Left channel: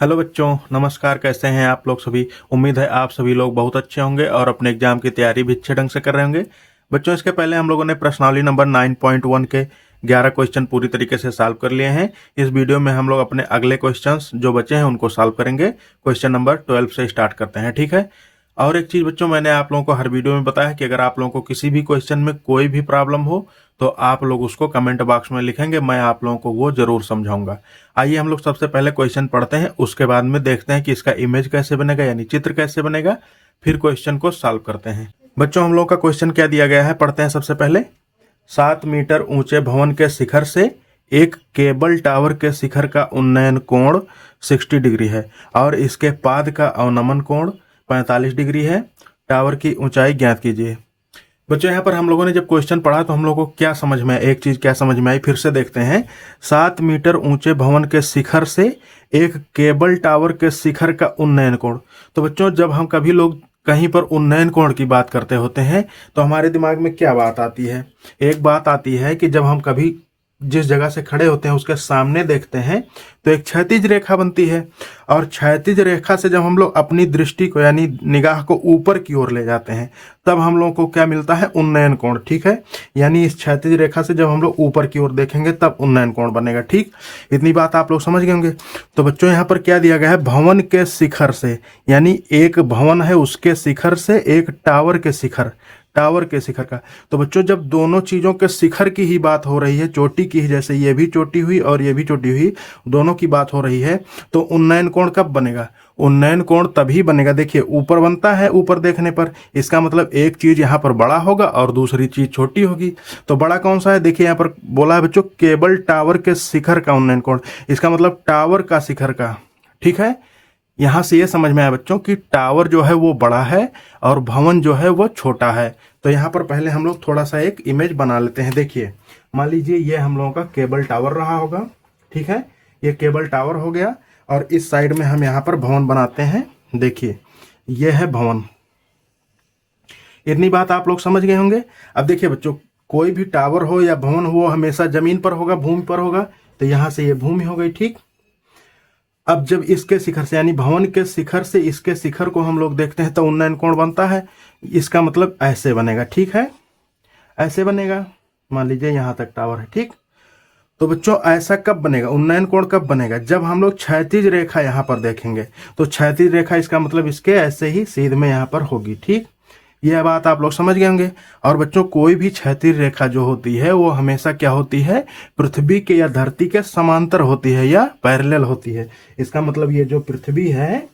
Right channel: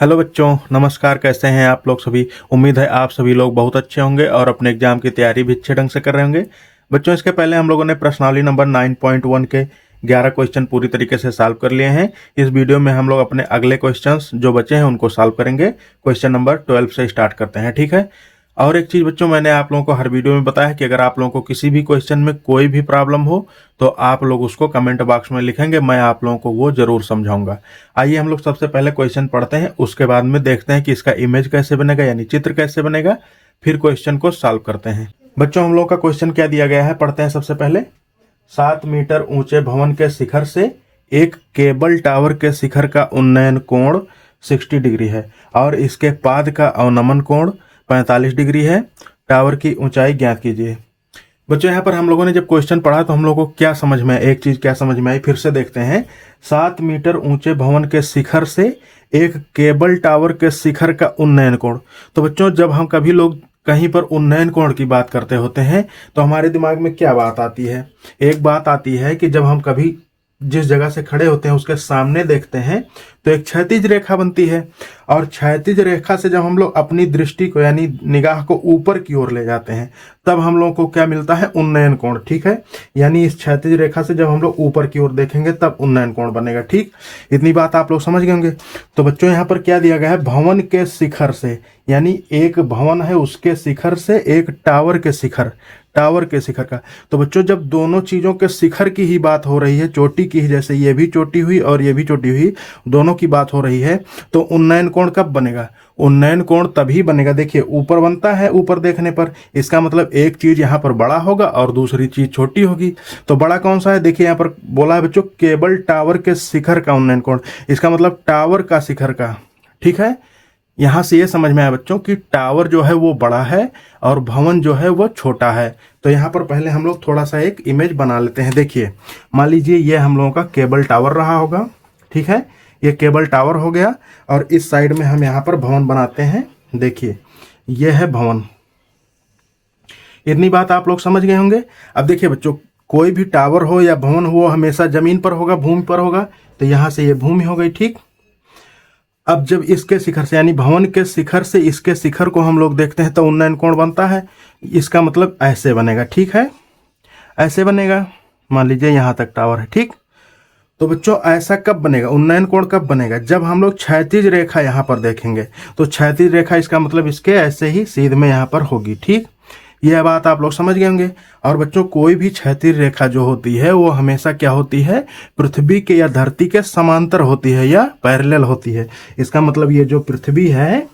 Hello बच्चों, नमस्कार। कैसे हैं आप लोग सभी। उम्मीद है आप सभी लोग बहुत अच्छे होंगे और अपने एग्जाम की तैयारी भी अच्छे ढंग से कर रहे होंगे। बच्चों, इसके पहले हम लोगों ने प्रश्नावली नंबर 9.1 के 11 क्वेश्चन पूरी तरीके से सॉल्व कर लिए हैं। इस वीडियो में हम लोग अपने अगले क्वेश्चंस जो बचे हैं उनको सॉल्व करेंगे। क्वेश्चन नंबर 12 से स्टार्ट करते हैं, ठीक है। और एक चीज बच्चों, मैंने आप लोगों को हर वीडियो में बताया कि अगर आप लोगों को किसी भी क्वेश्चन में कोई भी प्रॉब्लम हो तो आप लोग उसको कमेंट बॉक्स में लिखेंगे, मैं आप लोगों को वो जरूर समझाऊंगा। आइए हम लोग सबसे पहले क्वेश्चन पढ़ते हैं, उसके बाद में देखते हैं कि इसका इमेज कैसे बनेगा, यानी चित्र कैसे बनेगा, फिर क्वेश्चन को सॉल्व करते हैं। बच्चों, हम लोग का क्वेश्चन क्या दिया गया है, पढ़ते हैं सबसे पहले। 7 मीटर ऊंचे भवन के शिखर से एक केबल टावर के शिखर का उन्नयन कोण 60 डिग्री है और इसके पाद का अवनमन कोण 45 डिग्री है। टावर की ऊंचाई ज्ञात कीजिए। बच्चों, यहाँ पर हम लोगों ने जब क्वेश्चन पढ़ा तो हम लोगों को क्या समझ में, एक चीज क्या समझ में आई, फिर से देखते हैं। 7 मीटर ऊंचे भवन के शिखर से एक केबल टावर के शिखर का उन्नयन कोण। तो बच्चों, जब हम कभी लोग कहीं पर उन्नयन कोण की बात करते होते हैं तो हमारे दिमाग में क्या बात आती है। एक बात आती है कि जब हम कभी जिस जगह से खड़े होते हैं उसके सामने देखते हैं तो एक क्षैतिज रेखा बनती है, और क्षैतिज रेखा से जब हम लोग अपनी दृष्टि को यानी निगाह को ऊपर की ओर ले जाते हैं तब हम लोग को क्या मिलता है, उन्नयन कोण, ठीक है। यानी इस क्षैतिज रेखा से जब हम लोग ऊपर की ओर देखेंगे तब उन्नयन कोण बनेगा, ठीक। इतनी बात आप लोग समझ गए होंगे। तो बच्चों, यहाँ पर क्या दिया गया है, भवन के शिखर से, यानी एक भवन है उसके शिखर से एक टावर के शिखर, टावर के शिखर का। तो बच्चों, जब दोनों चीजों के शिखर की ही बात हो रही है, चोटी की ही, जैसे ये भी चोटी हुई और ये भी चोटी हुई, दोनों की बात हो रही है, तो उन्नयन कोण कब बनेगा, उन्नयन कोण तभी बनेगा, देखिए ऊपर बनता है, ऊपर देखने पर इसका मतलब एक चीज यहाँ पर बड़ा होगा और दूसरी चीज छोटी होगी। तो बड़ा कौन सा है, देखिए यहाँ पर बोला है बच्चों, केबल टावर के शिखर का उन्नयन कोण, इसका मतलब टावर का शिखर का, ठीक है। यहां से ये समझ में आया बच्चों कि टावर जो है वो बड़ा है और भवन जो है वो छोटा है। तो यहाँ पर पहले हम लोग थोड़ा सा एक इमेज बना लेते हैं। देखिए, मान लीजिए ये हम लोगों का केबल टावर रहा होगा, ठीक है। ये केबल टावर हो गया और इस साइड में हम यहाँ पर भवन बनाते हैं। देखिए, ये है भवन। इतनी बात आप लोग समझ गए होंगे। अब देखिए बच्चों, कोई भी टावर हो या भवन हो हमेशा जमीन पर होगा, भूमि पर होगा। तो यहां से ये भूमि हो गई, ठीक। अब जब इसके शिखर से यानी भवन के शिखर से इसके शिखर को हम लोग देखते हैं तो उन्नयन कोण बनता है। इसका मतलब ऐसे बनेगा, ठीक है, ऐसे बनेगा। मान लीजिए यहां तक टावर है, ठीक। तो बच्चों, ऐसा कब बनेगा, उन्नयन कोण कब बनेगा, जब हम लोग क्षैतिज रेखा यहां पर देखेंगे। तो क्षैतिज रेखा इसका मतलब इसके ऐसे ही सीध में यहां पर होगी, ठीक। यह बात आप लोग समझ गए होंगे। और बच्चों, कोई भी क्षैतिज रेखा जो होती है वो हमेशा क्या होती है, पृथ्वी के या धरती के समांतर होती है या पैरेलल होती है। इसका मतलब ये जो पृथ्वी है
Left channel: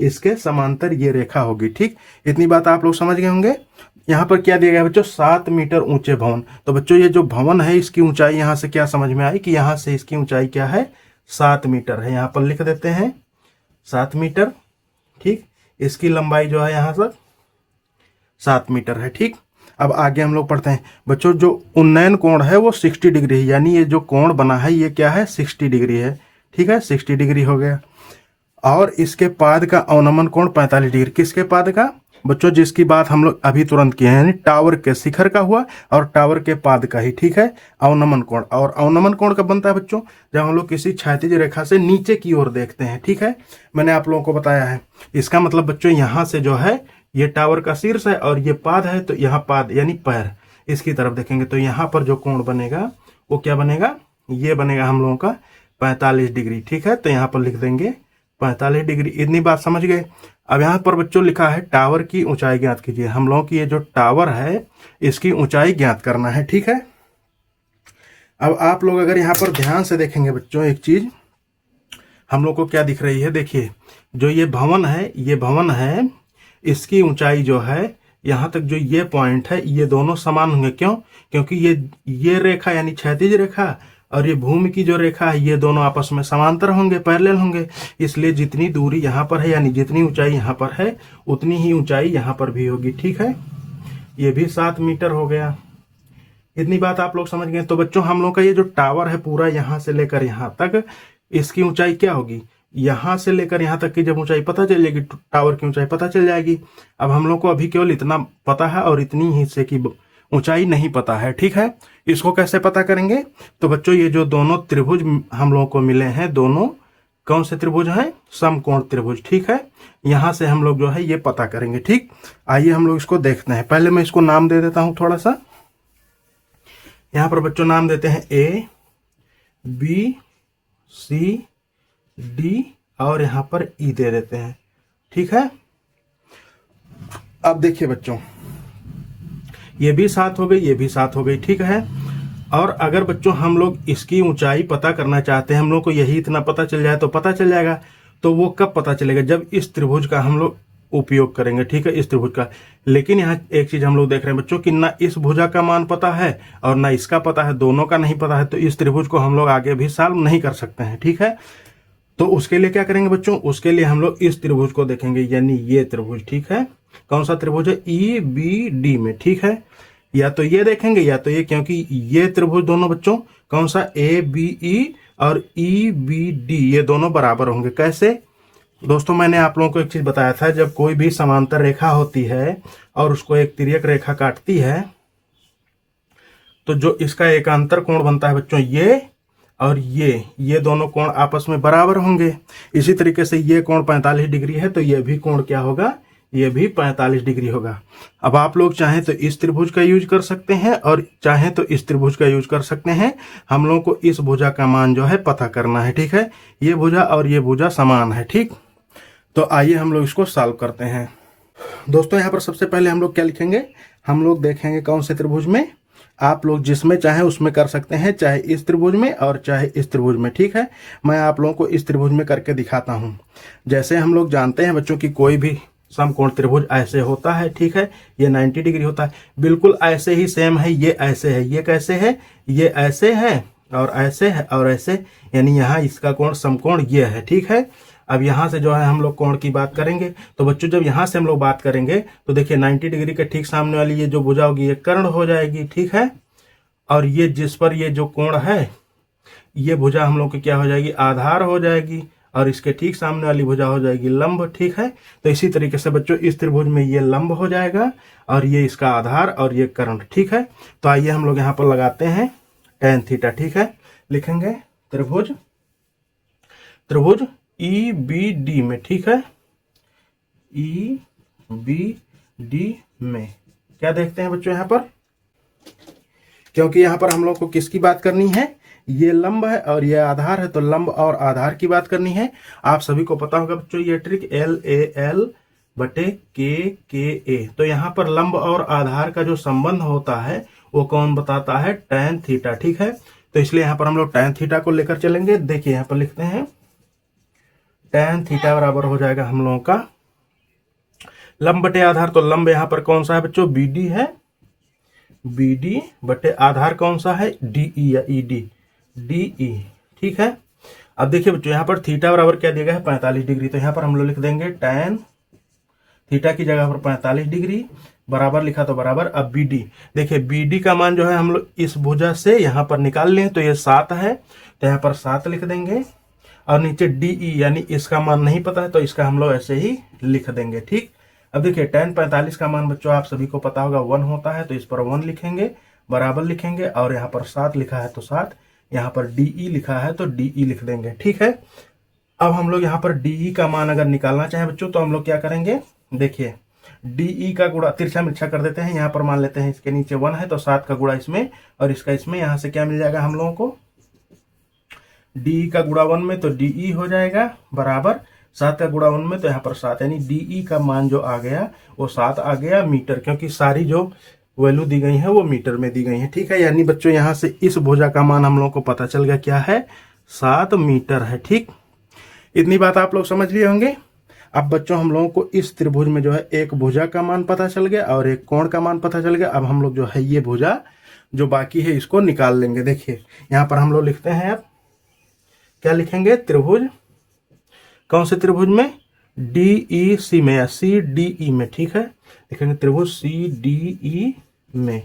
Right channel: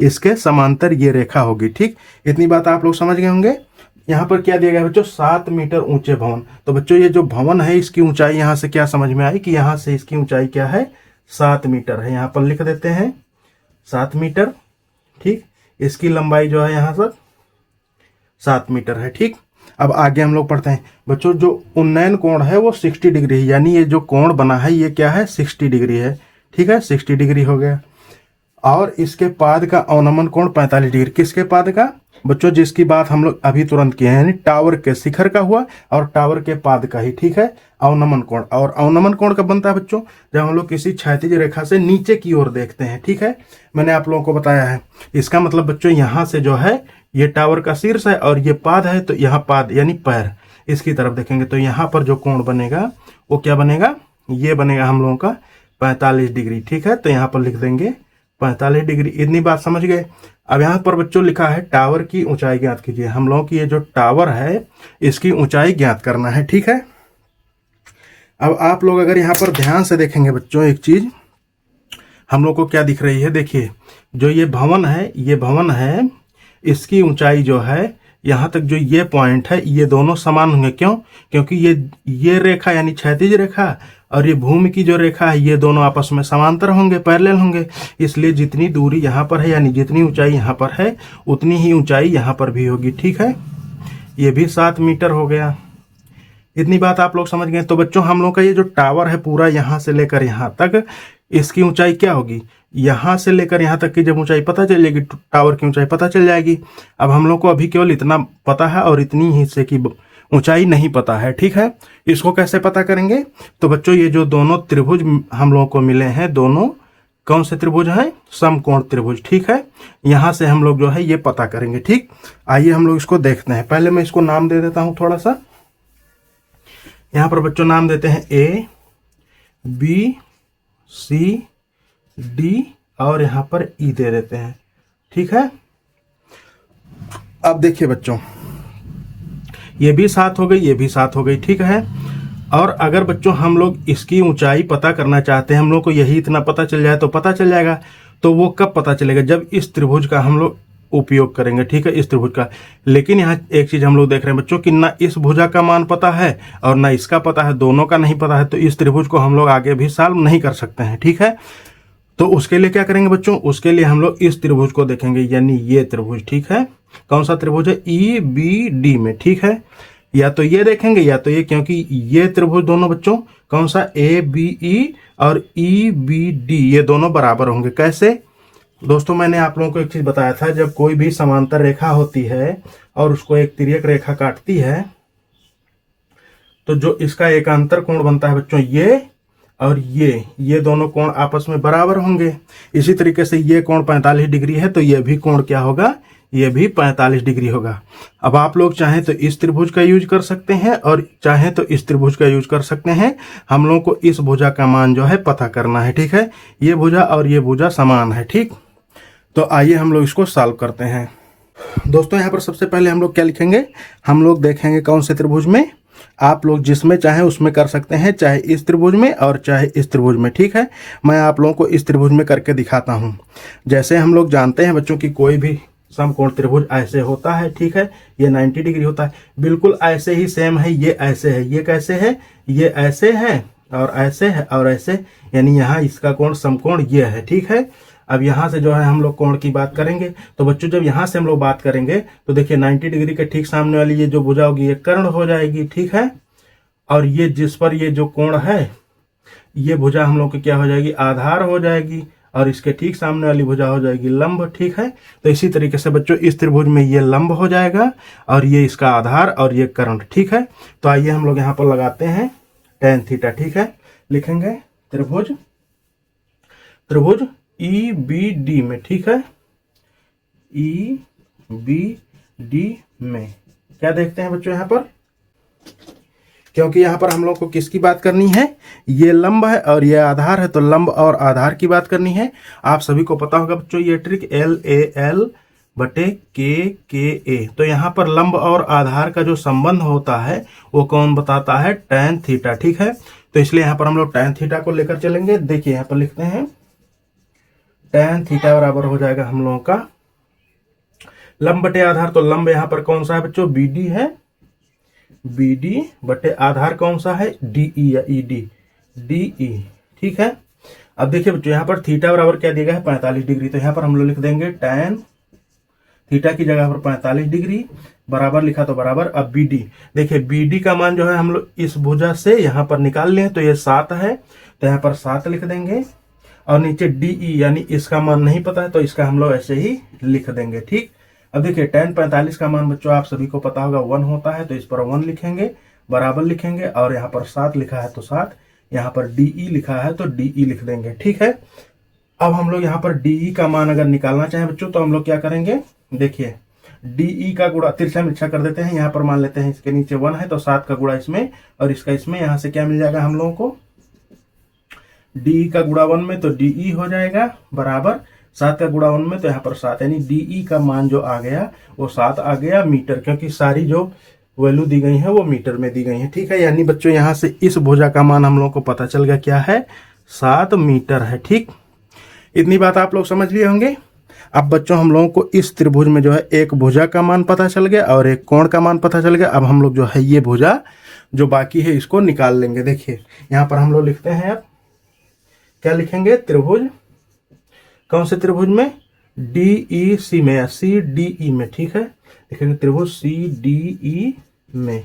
इसके समांतर ये रेखा होगी, ठीक। इतनी बात आप लोग समझ गए होंगे। यहाँ पर क्या दिया गया बच्चों, 7 मीटर ऊंचे भवन। तो बच्चों, ये जो भवन है इसकी ऊंचाई यहाँ से क्या समझ में आई कि यहाँ से इसकी ऊंचाई क्या है, 7 मीटर है। यहाँ पर लिख देते हैं 7 मीटर, ठीक। इसकी लंबाई जो है यहाँ तक 7 मीटर है, ठीक। अब आगे हम लोग पढ़ते हैं बच्चों, जो उन्नयन कोण है वो 60 डिग्री है, यानी ये जो कोण बना है ये क्या है, 60 डिग्री है, ठीक है। 60 डिग्री हो गया। और इसके पाद का अवनमन कोण 45 डिग्री। किसके पाद का बच्चों, जिसकी बात हम लोग अभी तुरंत किए हैं, यानी टावर के शिखर का हुआ और टावर के पाद का ही, ठीक है, अवनमन कोण। और अवनमन कोण कब बनता है बच्चों, जब हम लोग किसी क्षैतिज रेखा से नीचे की ओर देखते हैं, ठीक है। मैंने आप लोगों को बताया है। इसका मतलब बच्चों, यहां से जो है ये टावर का शीर्ष है और ये पाद है, तो यहाँ पाद यानी पैर, इसकी तरफ देखेंगे तो यहाँ पर जो कोण बनेगा वो क्या बनेगा, ये बनेगा हम लोगों का 45 डिग्री, ठीक है। तो यहाँ पर लिख देंगे 45 डिग्री। इतनी बात समझ गए। अब यहाँ पर बच्चों लिखा है टावर की ऊंचाई ज्ञात कीजिए। हम लोगों की ये जो टावर है इसकी ऊंचाई ज्ञात करना है, ठीक है। अब आप लोग अगर यहाँ पर ध्यान से देखेंगे बच्चों, एक चीज हम लोग को क्या दिख रही है, देखिए, जो ये भवन है, ये भवन है, इसकी ऊंचाई जो है यहां तक जो ये पॉइंट है ये दोनों समान होंगे। क्यों, क्योंकि ये रेखा यानी क्षैतिज रेखा और ये भूमि की जो रेखा है ये दोनों आपस में समांतर होंगे, पैरेलल होंगे। इसलिए जितनी दूरी यहाँ पर है यानी जितनी ऊंचाई यहाँ पर है उतनी ही ऊंचाई यहाँ पर भी होगी, ठीक है। ये भी 7 मीटर हो गया। इतनी बात आप लोग समझ गए। तो बच्चों, हम लोग का ये जो टावर है पूरा यहाँ से लेकर यहाँ तक, इसकी ऊंचाई क्या होगी, यहां से लेकर यहां तक की जब ऊंचाई पता चल जाएगी, टावर की ऊंचाई पता चल जाएगी। अब हम लोग को अभी केवल इतना पता है और इतनी ही हिस्से की ऊंचाई नहीं पता है, ठीक है। इसको कैसे पता करेंगे, तो बच्चों, ये जो दोनों त्रिभुज हम लोगों को मिले हैं, दोनों कौन से त्रिभुज है, समकोण त्रिभुज। ठीक है, यहां से हम लोग जो है ये पता करेंगे। ठीक, आइए हम लोग इसको देखते हैं। पहले मैं इसको नाम दे देता हूं थोड़ा सा। यहां पर बच्चों नाम देते हैं ए बी सी डी और यहां पर ई दे देते हैं। ठीक है, अब देखिए बच्चों, ये भी 7 हो गई, ये भी 7 हो गई। ठीक है, और अगर बच्चों हम लोग इसकी ऊंचाई पता करना चाहते हैं, हम लोग को यही इतना पता चल जाए तो पता चल जाएगा। तो वो कब पता चलेगा, जब इस त्रिभुज का हम लोग उपयोग करेंगे। ठीक है, इस त्रिभुज का। लेकिन यहाँ एक चीज हम लोग देख रहे हैं बच्चों कि ना इस भुजा का मान पता है और ना इसका पता है, दोनों का नहीं पता है, तो इस त्रिभुज को हम लोग आगे भी सॉल्व नहीं कर सकते हैं। ठीक है, तो उसके लिए क्या करेंगे बच्चों, उसके लिए हम लोग इस त्रिभुज को देखेंगे, यानी ये त्रिभुज। ठीक है, कौन सा त्रिभुज है, ई बी डी में। ठीक है, या तो ये देखेंगे या तो ये, क्योंकि ये त्रिभुज दोनों बच्चों कौन सा, ए बी ई और ई बी डी, ये दोनों बराबर होंगे। कैसे दोस्तों, मैंने आप लोगों को एक चीज बताया था, जब कोई भी समांतर रेखा होती है और उसको एक तिर्यक रेखा काटती है, तो जो इसका एकांतर कोण बनता है बच्चों, ये और ये दोनों कोण आपस में बराबर होंगे। इसी तरीके से ये कोण 45 डिग्री है, तो ये भी कोण क्या होगा, ये भी 45 डिग्री होगा। अब आप लोग चाहें तो इस त्रिभुज का यूज कर सकते हैं और चाहें तो इस त्रिभुज का यूज कर सकते हैं। हम लोगों को इस भुजा का मान जो है पता करना है। ठीक है, ये भुजा और ये भुजा समान है। ठीक, तो आइए हम लोग इसको सॉल्व करते हैं। दोस्तों यहाँ पर सबसे पहले हम लोग क्या लिखेंगे, हम लोग देखेंगे कौन से त्रिभुज में, आप लोग जिसमें चाहें उसमें कर सकते हैं, चाहे इस त्रिभुज में और चाहे इस त्रिभुज में। ठीक है, मैं आप लोगों को इस त्रिभुज में करके दिखाता हूं। जैसे हम लोग जानते हैं बच्चों की कोई भी समकोण त्रिभुज ऐसे होता है। ठीक है, ये 90 डिग्री होता है, बिल्कुल ऐसे ही सेम है। ये ऐसे है, ये कैसे है, ये ऐसे है और ऐसे है और ऐसे, यानी यहाँ इसका कोण समकोण ये है। ठीक है, अब यहाँ से जो है हम लोग कोण की बात करेंगे। तो बच्चों जब यहाँ से हम लोग बात करेंगे तो देखिए 90 डिग्री के ठीक सामने वाली ये जो भुजा होगी ये कर्ण हो जाएगी। ठीक है, और ये जिस पर ये जो कोण है, ये भुजा हम लोग की क्या हो जाएगी, आधार हो जाएगी, और इसके ठीक सामने वाली भुजा हो जाएगी लंब। ठीक है, तो इसी तरीके से बच्चों इस त्रिभुज में ये लंब हो जाएगा और ये इसका आधार और ये कर्ण। ठीक है, तो आइए हम लोग यहाँ पर लगाते हैं tan थीटा। ठीक है, लिखेंगे त्रिभुज ई बी डी में। ठीक है, ई बी डी में क्या देखते हैं बच्चों यहाँ पर, क्योंकि यहाँ पर हम लोग को किसकी बात करनी है, ये लंब है और ये आधार है, तो लंब और आधार की बात करनी है। आप सभी को पता होगा बच्चों ये ट्रिक, एल ए एल बटे के ए। तो यहाँ पर लंब और आधार का जो संबंध होता है वो कौन बताता है, tan थीटा। ठीक है, तो इसलिए यहाँ पर हम लोग tan थीटा को लेकर चलेंगे। देखिए यहाँ पर लिखते हैं tan थीटा बराबर हो जाएगा हम लोगों का लंब बटे आधार, तो लंब यहाँ पर कौन सा है बच्चों, बी डी है, बी डी बटे आधार कौन सा है, डी ई या ई डी, डी ई। ठीक है, अब देखिए बच्चों यहाँ पर थीटा बराबर क्या दिया गया है, 45 डिग्री। तो यहाँ पर हम लोग लिख देंगे tan थीटा की जगह पर 45 डिग्री बराबर लिखा तो बराबर। अब बी डी, देखिए बी डी का मान जो है हम लोग इस भुजा से यहाँ पर निकाल लें, तो ये 7 है, तो यहाँ पर 7 लिख देंगे, और नीचे डी ई यानी इसका मान नहीं पता है तो इसका हम लोग ऐसे ही लिख देंगे। ठीक, अब देखिए tan 45 का मान बच्चों आप सभी को पता होगा 1 होता है, तो इस पर 1 लिखेंगे, बराबर लिखेंगे, और यहाँ पर 7 लिखा है तो 7, यहाँ पर DE लिखा है तो DE लिख देंगे। ठीक है, अब हम लोग यहाँ पर DE का मान अगर निकालना चाहें बच्चों तो हम लोग क्या करेंगे, देखिए DE का गुणा तिरछा मिर्छा कर देते हैं। यहाँ पर मान लेते हैं इसके नीचे 1 है तो 7 का गुणा इसमें और इसका इसमें, यहाँ से क्या मिल जाएगा हम लोगों को, DE का गुणा 1 में तो DE हो जाएगा बराबर 7 का गुणा 1 में, तो यहाँ पर 7, यानी DE का मान जो आ गया वो 7 आ गया मीटर, क्योंकि सारी जो वैल्यू दी गई है वो मीटर में दी गई है। ठीक है, यानी बच्चों यहाँ से इस भुजा का मान हम लोगों को पता चल गया क्या है, 7 मीटर है। ठीक, इतनी बात आप लोग समझ लिए होंगे। अब बच्चों हम लोगों को इस त्रिभुज में जो है एक भुजा का मान पता चल गया और एक कोण का मान पता चल गया। अब हम लोग जो है ये भुजा जो बाकी है इसको निकाल लेंगे। देखिए यहाँ पर हम लोग लिखते हैं, क्या लिखेंगे, त्रिभुज, कौन से त्रिभुज में, DEC में या CDE में। ठीक है, लिखेंगे त्रिभुज CDE में।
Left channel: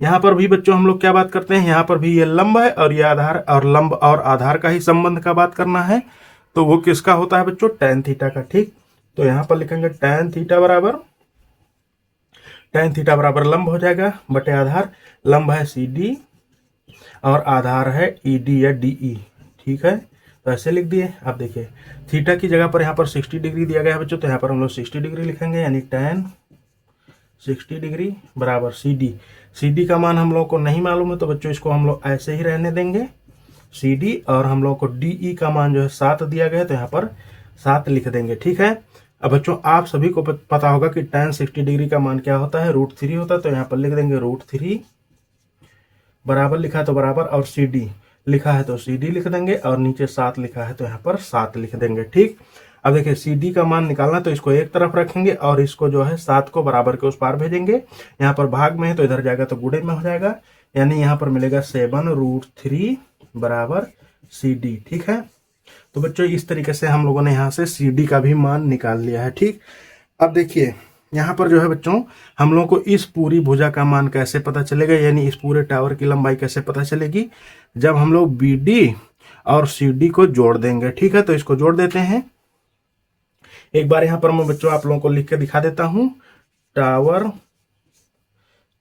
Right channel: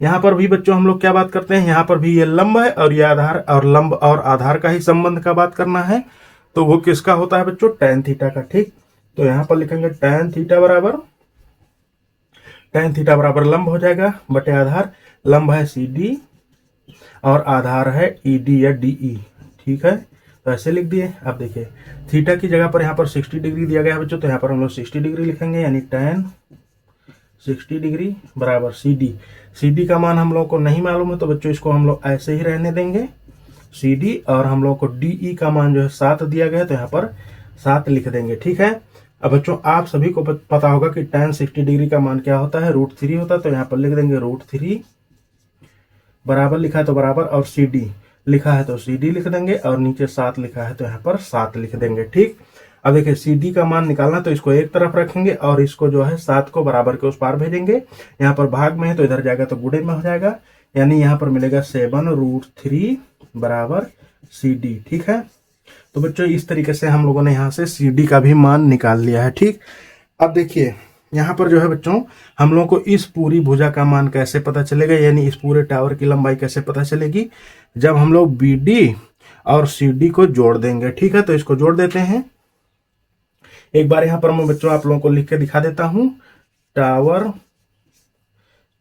यहाँ पर भी बच्चों हम लोग क्या बात करते हैं, यहाँ पर भी ये लंब है और ये आधार, और लंब और आधार का ही संबंध का बात करना है, तो वो किसका होता है बच्चों, tan थीटा का। ठीक, तो यहाँ पर लिखेंगे tan थीटा बराबर लंब हो जाएगा बटे आधार, लंब है CD और आधार है ED या DE। ठीक है, तो ऐसे लिख दिए। अब देखिए थीटा की जगह पर यहाँ पर 60 डिग्री दिया गया है बच्चों, तो यहाँ पर हम लोग 60 डिग्री लिखेंगे, यानी tan 60 डिग्री बराबर सी डी का मान हम लोग को नहीं मालूम है, तो बच्चों इसको हम लोग ऐसे ही रहने देंगे सी डी, और हम लोग को डी ई का मान जो है 7 दिया गया, तो यहाँ पर 7 लिख देंगे। ठीक है। अब बच्चों आप सभी को पता होगा कि tan 60 डिग्री का मान क्या होता है, √3 होता है, तो यहाँ पर लिख देंगे √3 बराबर लिखा है तो बराबर, और सी डी लिखा है तो सी डी लिख देंगे, और नीचे 7 लिखा है तो यहाँ पर 7 लिख देंगे। ठीक। अब देखिए सी डी का मान निकालना है, तो इसको एक तरफ रखेंगे और इसको जो है 7 को बराबर के उस पार भेजेंगे। यहाँ पर भाग में है तो इधर जाएगा तो गुणे में हो जाएगा, यानी यहाँ पर मिलेगा 7√3 बराबर सी डी। ठीक है। तो बच्चों इस तरीके से हम लोगों ने यहाँ से सी डी का भी मान निकाल लिया है। ठीक। अब देखिए यहाँ पर जो है बच्चों हम लोगों को इस पूरी भुजा का मान कैसे पता चलेगा, यानी इस पूरे टावर की लंबाई कैसे पता चलेगी, जब हम लोग बी डी और सी डी को जोड़ देंगे। ठीक है। तो इसको जोड़ देते हैं। एक बार यहाँ पर मैं बच्चों आप लोगों को लिख के दिखा देता हूं। टावर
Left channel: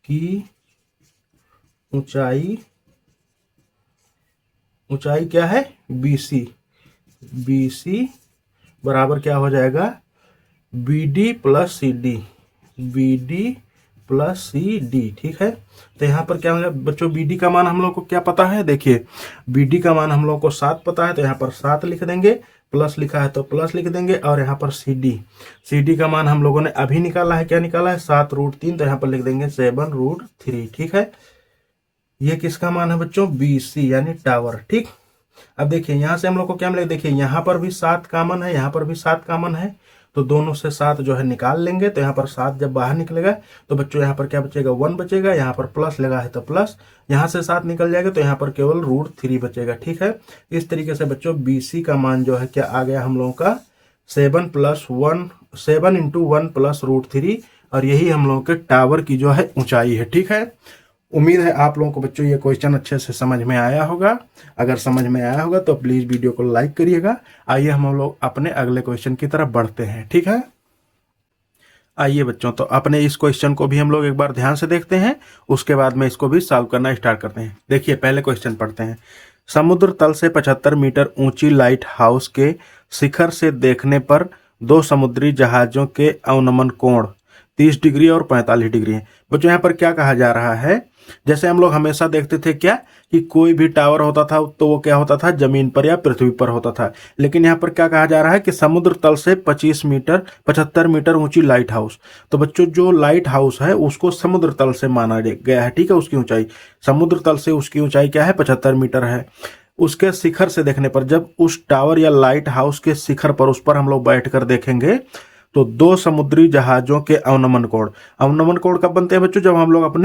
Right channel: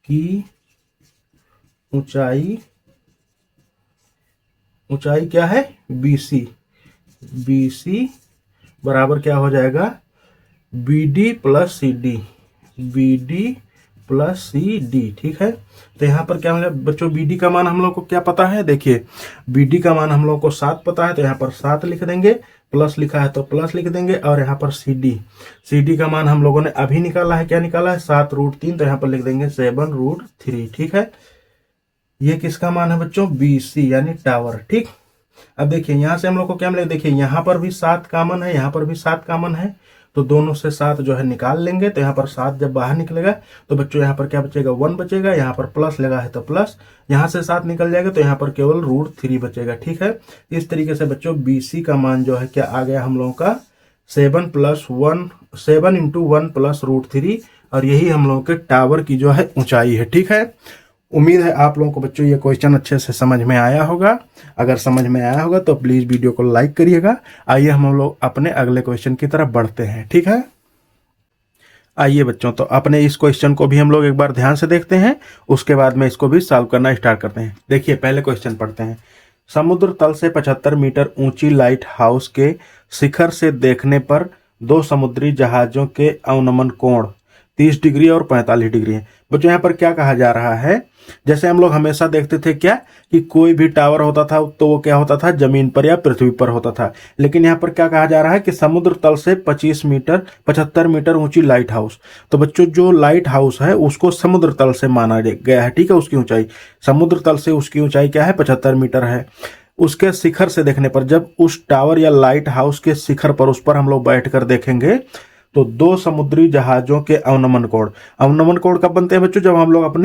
की ऊंचाई क्या है, BC। BC बराबर क्या हो जाएगा, BD plus CD, BD plus CD। ठीक है। तो यहाँ पर क्या होगा बच्चों, BD का मान हम लोग को क्या पता है, देखिए BD का मान हम लोग को 7 पता है, तो यहाँ पर 7 लिख देंगे, प्लस लिखा है तो प्लस लिख देंगे, और यहाँ पर CD का मान हम लोगों ने अभी निकाला है, क्या निकाला है 7√3, तो यहाँ पर लिख देंगे 7√3। ठीक है। ये किसका मान है बच्चों, BC यानी टावर। ठीक। अब देखिए यहाँ से हम लोग को क्या मिलेगा, देखिए यहाँ पर भी 7 कॉमन है, यहाँ पर भी 7 कॉमन है, तो दोनों से 7 जो है निकाल लेंगे, तो यहाँ पर 7 जब बाहर निकलेगा तो बच्चों यहाँ पर क्या बचेगा, 1 बचेगा, यहाँ पर प्लस लगा है तो प्लस, यहाँ से 7 निकल जाएगा तो यहाँ पर केवल √3 बचेगा। ठीक है। इस तरीके से बच्चों BC का मान जो है क्या आ गया हम लोगों का 7 × 1 प्लस √3, और यही हम लोगों के टावर की जो है ऊंचाई है। ठीक है। उम्मीद है आप लोगों को बच्चों ये क्वेश्चन अच्छे से समझ में आया होगा। अगर समझ में आया होगा तो प्लीज वीडियो को लाइक करिएगा। आइए हम लोग अपने अगले क्वेश्चन की तरफ बढ़ते हैं। ठीक है। आइए बच्चों तो अपने इस क्वेश्चन को भी हम लोग एक बार ध्यान से देखते हैं, उसके बाद में इसको भी सॉल्व करना स्टार्ट करते हैं। देखिए पहले क्वेश्चन पढ़ते हैं। समुद्र तल से 75 मीटर ऊंची लाइट हाउस के शिखर से देखने पर 2 समुद्री जहाजों के अवनमन कोण 30 डिग्री और 45 डिग्री है। बच्चों यहाँ पर क्या कहा जा रहा है, जैसे हम लोग हमेशा देखते थे क्या कि कोई भी टावर होता था तो वो क्या होता था, जमीन पर या पृथ्वी पर होता था, लेकिन यहाँ पर क्या कहा जा रहा है कि समुद्र तल से 75 मीटर ऊंची लाइट हाउस। तो बच्चों जो लाइट हाउस है उसको समुद्र तल से माना गया है। ठीक है। उसकी ऊंचाई समुद्र तल से उसकी ऊंचाई क्या है, 75 मीटर है। उसके शिखर से देखने पर, जब उस टावर या लाइट हाउस के शिखर पर उस पर हम लोग बैठ कर देखेंगे तो 2 समुद्री जहाजों के अवनमन कोण कब बनते हैं बच्चों, जब हम लोग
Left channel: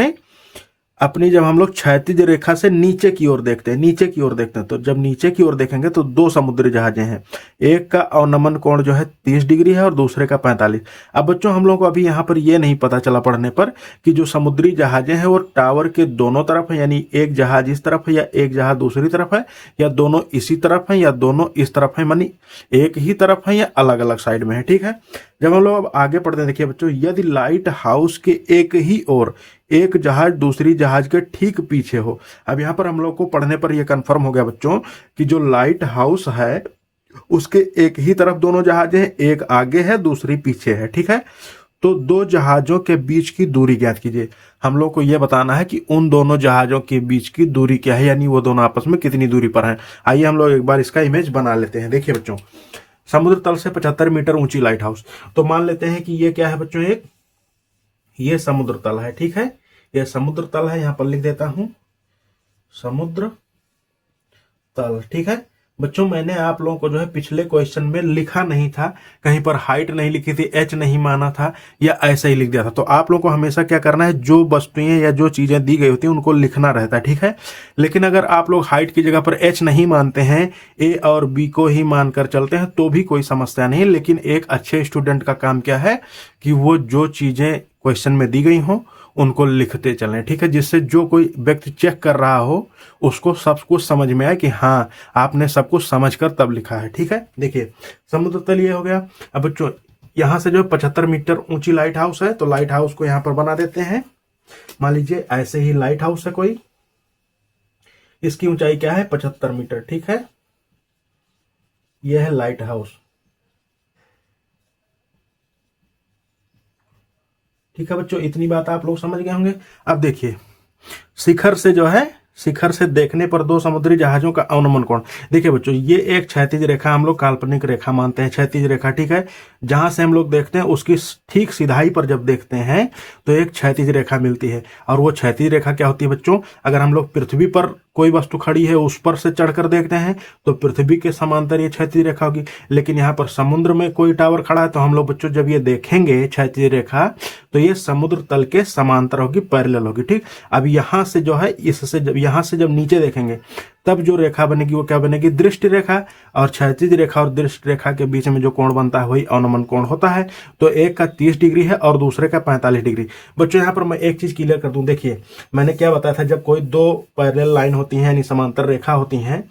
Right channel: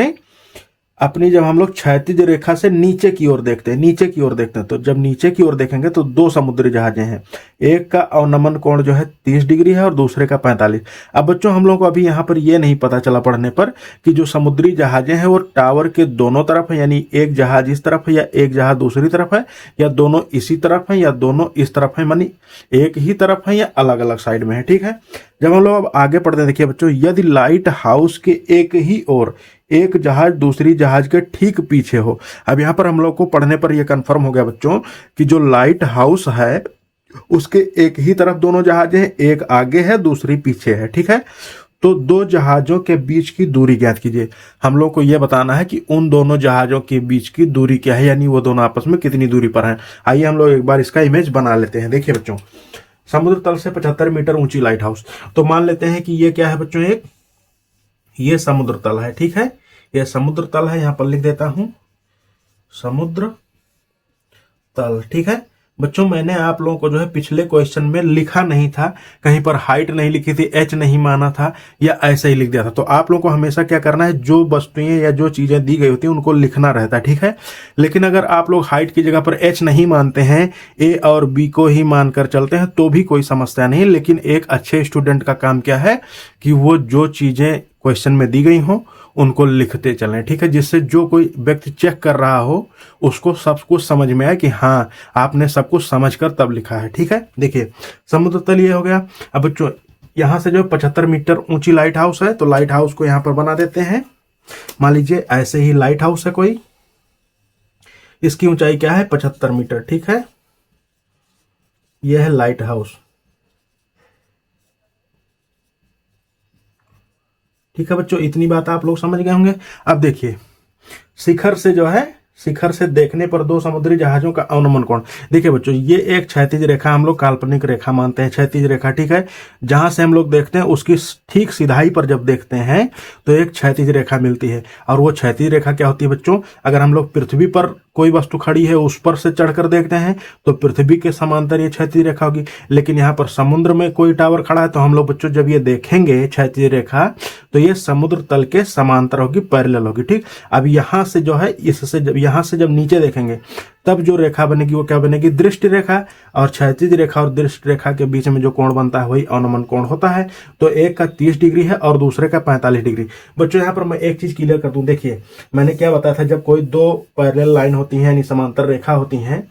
जब हम लोग क्षैतिज रेखा से नीचे की ओर देखते हैं, तो जब नीचे की ओर देखेंगे तो 2 समुद्री जहाजें हैं, एक का अवनमन कोण जो है 30 डिग्री है और दूसरे का 45। अब बच्चों हम लोग को अभी यहाँ पर ये नहीं पता चला पढ़ने पर कि जो समुद्री जहाजें हैं वो टावर के दोनों तरफ है, यानी एक जहाज इस तरफ है या एक जहाज दूसरी तरफ है, या दोनों इसी तरफ है या दोनों इस तरफ है, मानी एक ही तरफ है या अलग अलग साइड में है। ठीक है। जब हम लोग अब आगे पढ़ते हैं, देखिए बच्चों यदि लाइट हाउस के एक ही ओर एक जहाज दूसरी जहाज के ठीक पीछे हो। अब यहाँ पर हम लोग को पढ़ने पर यह कंफर्म हो गया बच्चों कि जो लाइट हाउस है उसके एक ही तरफ दोनों जहाज हैं, एक आगे है दूसरी पीछे है। ठीक है। तो 2 जहाजों के बीच की दूरी ज्ञात कीजिए। हम लोग को यह बताना है कि उन दोनों जहाजों के बीच की दूरी क्या है, यानी वो दोनों आपस में कितनी दूरी पर हैं। आइए हम लोग एक बार इसका इमेज बना लेते हैं। देखिए बच्चों समुद्र तल से 75 मीटर ऊंची लाइट हाउस, तो मान लेते हैं कि ये क्या है बच्चों, ये समुद्र तल है। ठीक है। ये समुद्र तल है, यहां पर लिख देता हूं समुद्र तल। ठीक है। बच्चों मैंने आप लोगों को जो है पिछले क्वेश्चन में लिखा नहीं था, कहीं पर हाइट नहीं लिखी थी, एच नहीं माना था, या ऐसा ही लिख दिया था। तो आप लोगों को हमेशा क्या करना है, जो वस्तुएं या जो चीजें दी गई होती हैं उनको लिखना रहता है। ठीक है। लेकिन अगर आप लोग हाइट की जगह पर एच नहीं मानते हैं, ए और बी को ही मानकर चलते हैं तो भी कोई समस्या नहीं। लेकिन एक अच्छे स्टूडेंट का काम क्या है कि वो जो चीजें क्वेश्चन में दी गई हो उनको लिखते चलें। ठीक है। जिससे जो कोई व्यक्ति चेक कर रहा हो उसको सब कुछ समझ में आए कि हाँ आपने सब कुछ समझकर तब लिखा है। ठीक है। देखिए समुद्र तल ये हो गया। अब बच्चों यहां से जो 75 मीटर ऊंची लाइट हाउस है, तो लाइट हाउस को यहां पर बना देते हैं। मान लीजिए ऐसे ही लाइट हाउस है कोई, इसकी ऊंचाई क्या है 75 मीटर। ठीक है। ये है लाइट हाउस। ठीक है बच्चों, इतनी बात आप लोग समझ गए होंगे। अब देखिए, शिखर से जो है, शिखर से देखने पर दो समुद्री जहाजों का अवनमन कोण। देखिए बच्चों, ये एक क्षैतिज रेखा हम लोग काल्पनिक रेखा मानते हैं, क्षैतिज रेखा, ठीक है। जहां से हम लोग देखते हैं उसकी ठीक सिधाई पर जब देखते हैं तो एक क्षैतिज रेखा मिलती है। और वो क्षैतिज रेखा क्या होती है बच्चों, अगर हम लोग पृथ्वी पर कोई वस्तु खड़ी है उस पर से चढ़कर देखते हैं तो पृथ्वी के समांतर ये क्षैतिज रेखा होगी। लेकिन यहाँ पर समुद्र में कोई टावर खड़ा है तो हम लोग बच्चों जब ये देखेंगे क्षैतिज रेखा तो ये समुद्र तल के समांतर होगी, पैरेलल होगी, ठीक। अब यहाँ से जो है, इससे जब यहाँ से जब नीचे देखेंगे तब जो रेखा बनेगी वो क्या बनेगी, दृष्टि रेखा। और क्षैतिज रेखा और दृष्टि रेखा के बीच में जो कोण बनता है वही अवनमन कोण होता है। तो एक का 30 डिग्री है और दूसरे का 45 डिग्री। बच्चों यहाँ पर मैं एक चीज क्लियर कर दूं, देखिए मैंने क्या बताया था, जब कोई दो पैरेलल लाइन होती है यानी समांतर रेखा होती है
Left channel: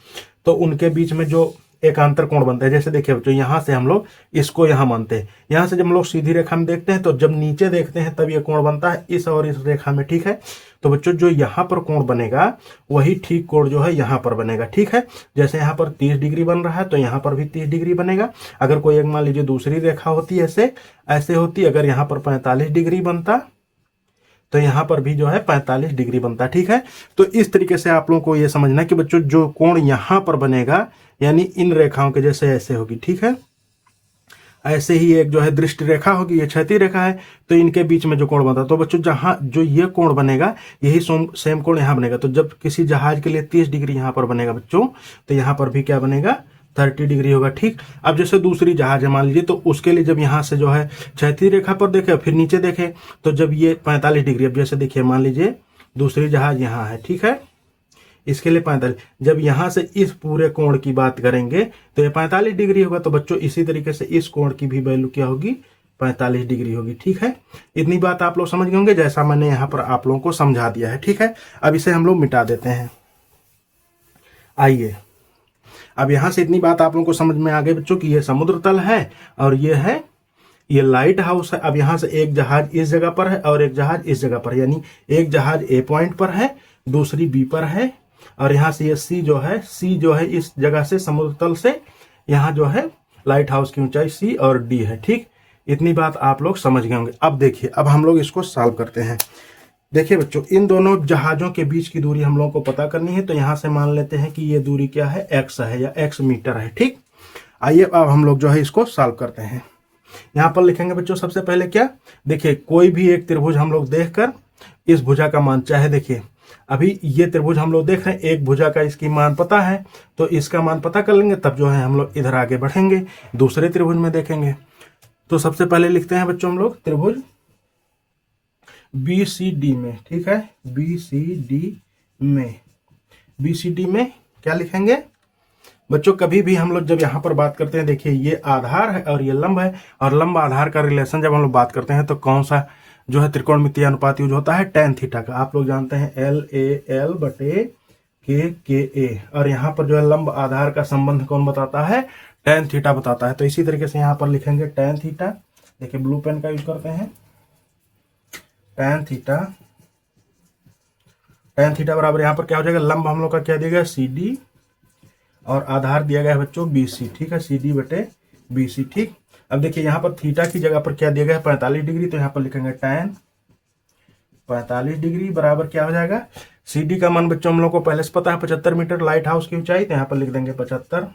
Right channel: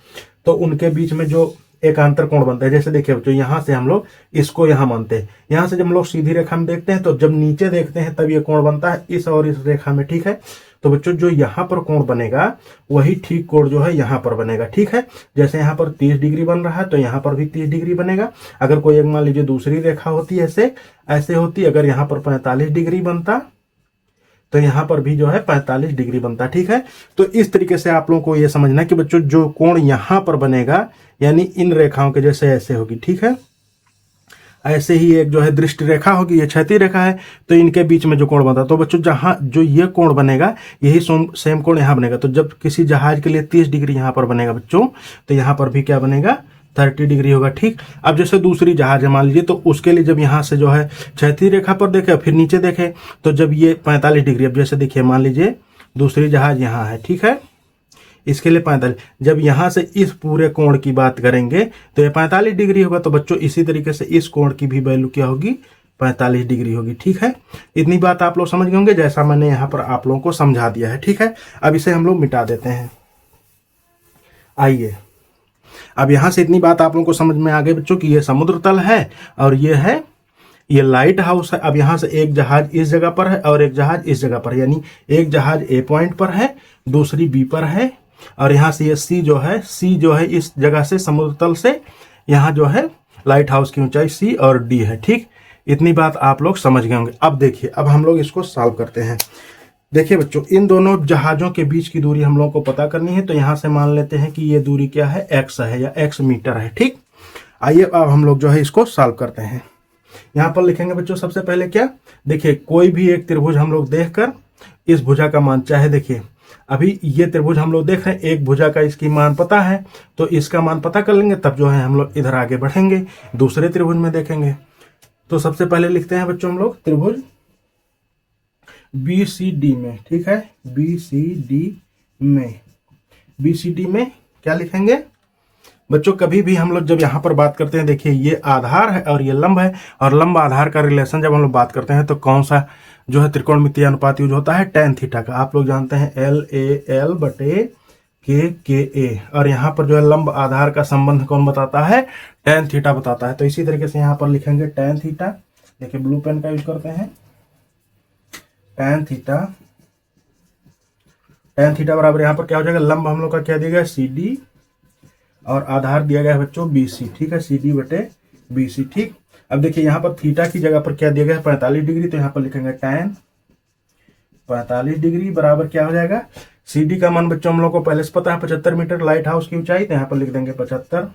तो उनके बीच में जो एक अंतर कोण बनता है। जैसे देखिए बच्चों, यहाँ से हम लोग इसको यहाँ मानते हैं, यहाँ से जब हम लोग सीधी रेखा में देखते हैं तो जब नीचे देखते हैं तब ये कोण बनता है इस और इस रेखा में, ठीक है। तो बच्चों जो यहाँ पर कोण बनेगा वही ठीक कोण जो है यहाँ पर बनेगा, ठीक है। जैसे यहाँ पर 30 डिग्री बन रहा है तो यहाँ पर भी 30 डिग्री बनेगा। अगर कोई एक मान लीजिए दूसरी रेखा होती है ऐसे ऐसे होती, अगर यहाँ पर 45 डिग्री बनता तो यहाँ पर भी जो है 45 डिग्री बनता, ठीक है। तो इस तरीके से आप लोगों को ये समझना है कि बच्चों जो कोण यहाँ पर बनेगा यानी इन रेखाओं के जैसे ऐसे होगी, ठीक है। ऐसे ही एक जो है दृष्टि रेखा होगी, ये क्षैतिज रेखा है, तो इनके बीच में जो कोण बनता है तो बच्चों जहां जो ये कोण बनेगा यही सेम कोण यहाँ बनेगा। तो जब किसी जहाज के लिए 30 डिग्री यहाँ पर बनेगा बच्चों तो यहाँ पर भी क्या बनेगा, 30 डिग्री होगा, ठीक। अब जैसे दूसरी जहाज है मान लीजिए, तो उसके लिए जब यहाँ से जो है क्षैतिज रेखा पर देखे फिर नीचे देखे तो जब ये 45 डिग्री, अब जैसे देखिए मान लीजिए दूसरी जहाज यहाँ है, ठीक है, इसके लिए 45, जब यहां से इस पूरे कोण की बात करेंगे तो ये 45 डिग्री होगा। तो बच्चों इसी तरीके से इस कोण की भी वैल्यू क्या होगी, 45 डिग्री होगी, ठीक है। इतनी बात आप लोग समझ गए होंगे जैसा मैंने यहाँ पर आप लोगों को समझा दिया है, ठीक है। अब इसे हम लोग मिटा देते हैं। आइए, अब यहां से इतनी बात आप लोगों को समझ में आ गई बच्चों कि ये समुद्र तल है और ये है, ये लाइट हाउस है। अब यहां से एक जहाज इस जगह पर है और एक जहाज इस जगह पर, यानी एक जहाज ए पॉइंट पर है दूसरी बी पर है। और यहाँ से ये सी जो है इस जगह से समुद्र तल से यहाँ जो है लाइट हाउस की ऊंचाई सी और डी है, ठीक। इतनी बात आप लोग समझ गए होंगे। अब देखिए, अब हम लोग इसको सॉल्व करते हैं। देखिए बच्चों, इन दोनों जहाजों के बीच की दूरी हम लोग को पता करनी है, तो यहाँ से मान लेते हैं कि ये दूरी क्या है, x है या x मीटर है, ठीक। आइए अब हम लोग जो है इसको सॉल्व करते हैं। यहाँ पर लिखेंगे बच्चों सबसे पहले क्या, देखिए कोई भी एक त्रिभुज हम लोग देखकर इस भुजा का मान, चाहे देखिए अभी ये त्रिभुज हम लोग देख रहे हैं, एक भुजा का इसकी मान पता है तो इसका मान पता कर लेंगे, तब जो है हम लोग इधर आगे बढ़ेंगे दूसरे त्रिभुज में देखेंगे। तो सबसे पहले लिखते हैं बच्चों हम लोग त्रिभुज BCD में, ठीक है, BCD में क्या लिखेंगे बच्चों, कभी भी हम लोग जब यहाँ पर बात करते हैं, देखिए ये आधार है और ये लंब है, और लंब आधार का रिलेशन जब हम लोग बात करते हैं तो कौन सा जो है त्रिकोणमितीय अनुपात यूज होता है, tan थीटा का। आप लोग जानते हैं LAL बटे KKA, और यहाँ पर जो है लंब आधार का संबंध कौन बताता है, tan थीटा बताता है। तो इसी तरीके से यहाँ पर लिखेंगे tan थीटा, देखिए ब्लू पेन का यूज करते हैं, tan थीटा बराबर यहाँ पर क्या हो जाएगा, लंब हम लोग का क्या दिया गया CD और आधार दिया गया है बच्चों BC, ठीक है, CD बटे BC, ठीक। अब देखिए यहाँ पर थीटा की जगह पर क्या दिया गया है, 45 डिग्री, तो यहाँ पर लिखेंगे tan 45 डिग्री बराबर क्या हो जाएगा, CD का मान बच्चों हम लोग को पहले से पता है 75 मीटर लाइट हाउस की ऊंचाई, तो यहाँ पर लिख देंगे 75,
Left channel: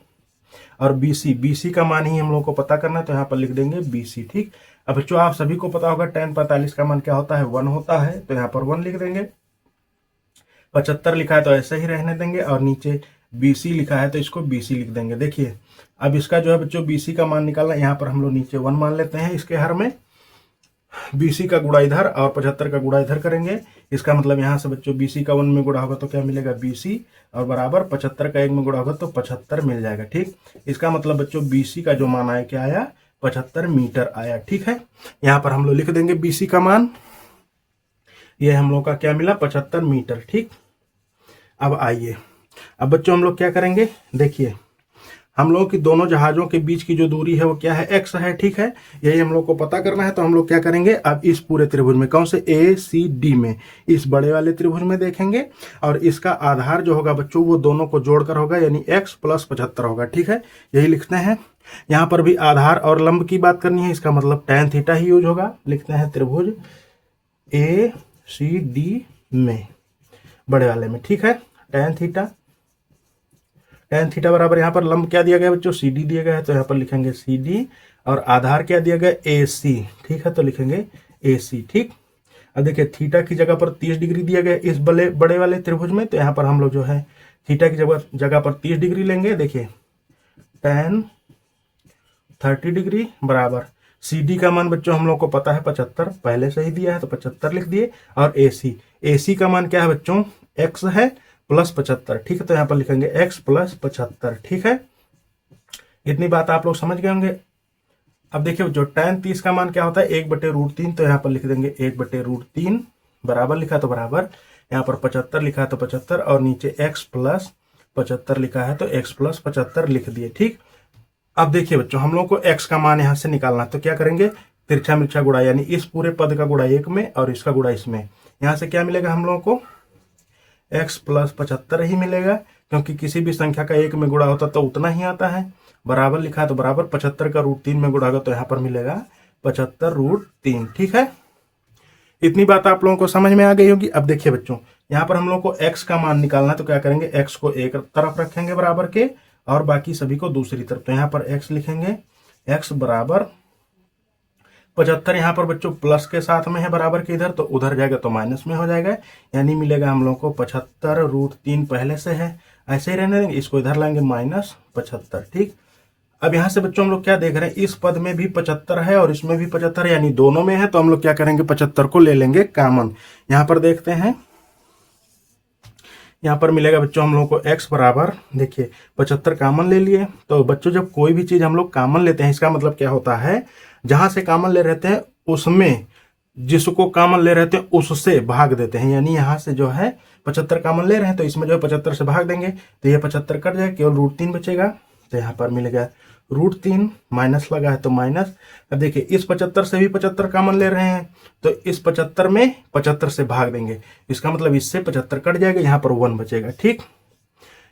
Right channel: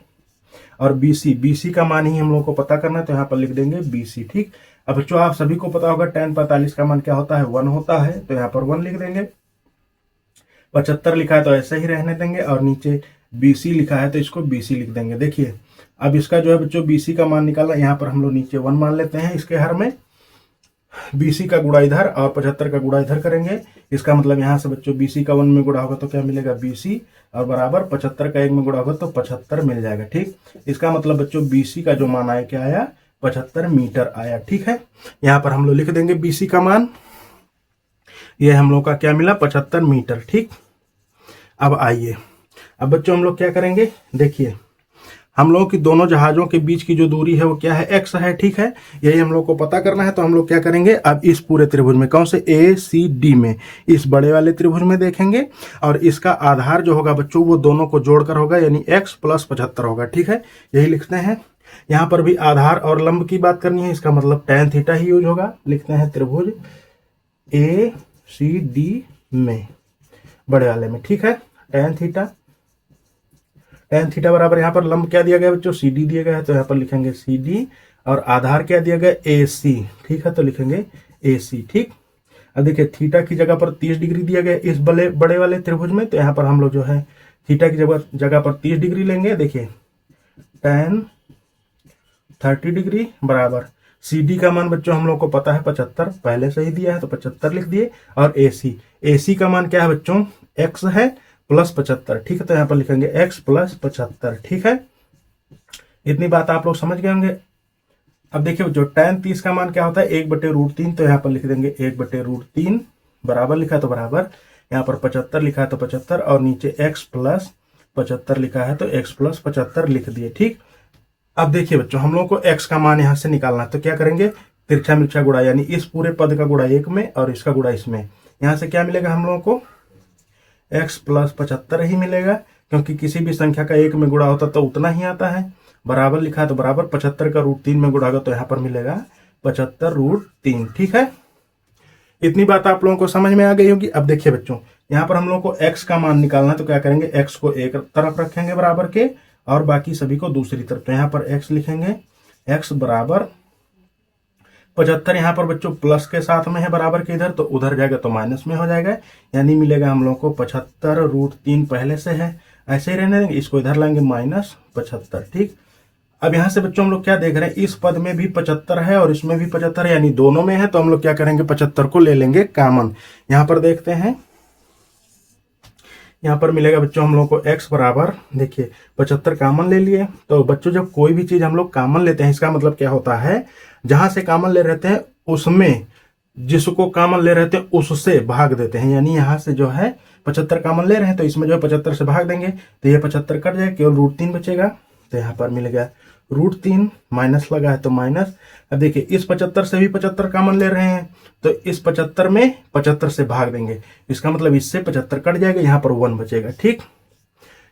और BC का मान ही हम लोग को पता करना है तो यहाँ पर लिख देंगे BC, ठीक। अब बच्चों आप सभी को पता होगा tan 45 का मान क्या होता है, 1 होता है, तो यहाँ पर 1 लिख देंगे। 75 लिखा है तो ऐसे ही रहने देंगे, और नीचे BC लिखा है तो इसको BC लिख देंगे। देखिए अब इसका जो है बच्चों BC का मान निकालना है, यहाँ पर हम लोग नीचे 1 मान लेते हैं, इसके हर में BC का गुणा इधर और 75 का गुणा इधर करेंगे। इसका मतलब यहाँ से बच्चों BC का 1 में गुणा होगा तो क्या मिलेगा BC, और बराबर 75 का 1 में गुणा होगा तो 75 मिल जाएगा, ठीक। इसका मतलब बच्चों BC का जो मान आया क्या आया, 75 मीटर आया, ठीक है। यहाँ पर हम लोग लिख देंगे BC का मान, ये हम लोग का क्या मिला, 75 मीटर, ठीक। अब आइए, अब बच्चों हम लोग क्या करेंगे, देखिए हम लोगों की दोनों जहाजों के बीच की जो दूरी है वो क्या है, x है, ठीक है। यही हम लोग को पता करना है। तो हम लोग क्या करेंगे, अब इस पूरे त्रिभुज में, कौन से ACD में, इस बड़े वाले त्रिभुज में देखेंगे, और इसका आधार जो होगा बच्चों वो दोनों को जोड़कर होगा, यानी x + 75 होगा, ठीक है। यही लिखते हैं। यहाँ पर भी आधार और लंब की बात करनी है, इसका मतलब tan थीटा ही यूज होगा। लिखते हैं त्रिभुज ACD में, बड़े वाले में, ठीक है। tan थीटा बराबर, यहाँ पर लंब क्या दिया गया बच्चों, CD दिया गया है, तो यहाँ पर लिखेंगे CD, और आधार क्या दिया गया, AC, ठीक है, तो लिखेंगे AC, ठीक। अब देखिए थीटा की जगह पर 30 डिग्री दिया गया इस बड़े वाले त्रिभुज में, तो यहाँ पर हम लोग जो है थीटा की जगह पर 30 डिग्री लेंगे। देखिए tan 30 डिग्री बराबर CD का मान बच्चों हम लोग को पता है 75, पहले से ही दिया है, तो 75 लिख दिए। और AC का मान क्या है बच्चों, x है + 75, ठीक है, तो यहाँ पर लिखेंगे x + 75, ठीक है। इतनी बात आप लोग समझ गए होंगे। अब देखिए जो tan 30 का मान क्या होता है, 1/√3, तो यहाँ पर लिख देंगे 1/√3, बराबर लिखा तो बराबर, यहाँ पर 75 लिखा है तो 75, और नीचे x + 75 लिखा है तो x + 75 लिख दिए, ठीक। अब देखिए बच्चों हम लोग को x का मान यहाँ से निकालना है, तो क्या करेंगे, तिरछा मिर्चा गुणा, यानी इस पूरे पद का गुणा 1 में और इसका गुणा इसमें। यहाँ से क्या मिलेगा हम लोगों को, x + 75 ही मिलेगा, क्योंकि किसी भी संख्या का 1 में गुणा होता तो उतना ही आता है। बराबर लिखा है तो बराबर, 75 का √3 में गुणा होगा तो यहाँ पर मिलेगा 75√3, ठीक है। इतनी बात आप लोगों को समझ में आ गई होगी। अब देखिए बच्चों यहाँ पर हम लोग को x का मान निकालना है, तो क्या करेंगे, x को एक तरफ रखेंगे बराबर के, और बाकी सभी को दूसरी तरफ। तो यहाँ पर x लिखेंगे, x बराबर 75, यहाँ पर बच्चों प्लस के साथ में है बराबर के इधर, तो उधर जाएगा तो माइनस में हो जाएगा, यानी मिलेगा हम लोग को 75√3 पहले से है, ऐसे ही रहने देंगे, इसको इधर लाएंगे -75, ठीक। अब यहाँ से बच्चों हम लोग क्या देख रहे हैं, इस पद में भी 75 है और इसमें भी 75 है, यानी दोनों में है, तो हम लोग क्या करेंगे, 75 को ले लेंगे कॉमन। यहाँ पर देखते हैं, यहाँ पर मिलेगा बच्चों हम लोग को x बराबर, देखिए 75 कॉमन ले लिए। तो बच्चों जब कोई भी चीज हम लोग कॉमन लेते हैं, इसका मतलब क्या होता है, जहां से कॉमन ले रहते हैं उसमें, जिसको कॉमन ले रहते हैं उससे भाग देते हैं। यानी यहाँ से जो है 75 कॉमन ले रहे हैं, तो इसमें जो है 75 से भाग देंगे, तो ये 75 कट जाएगा, केवल √3 बचेगा, तो यहाँ पर मिलेगा √3, माइनस लगा है तो माइनस। अब देखिए इस 75 से भी 75 कॉमन ले रहे हैं, तो इस 75 में 75 से भाग देंगे, इसका मतलब इससे 75 कट जाएगा, यहाँ पर 1 बचेगा, ठीक।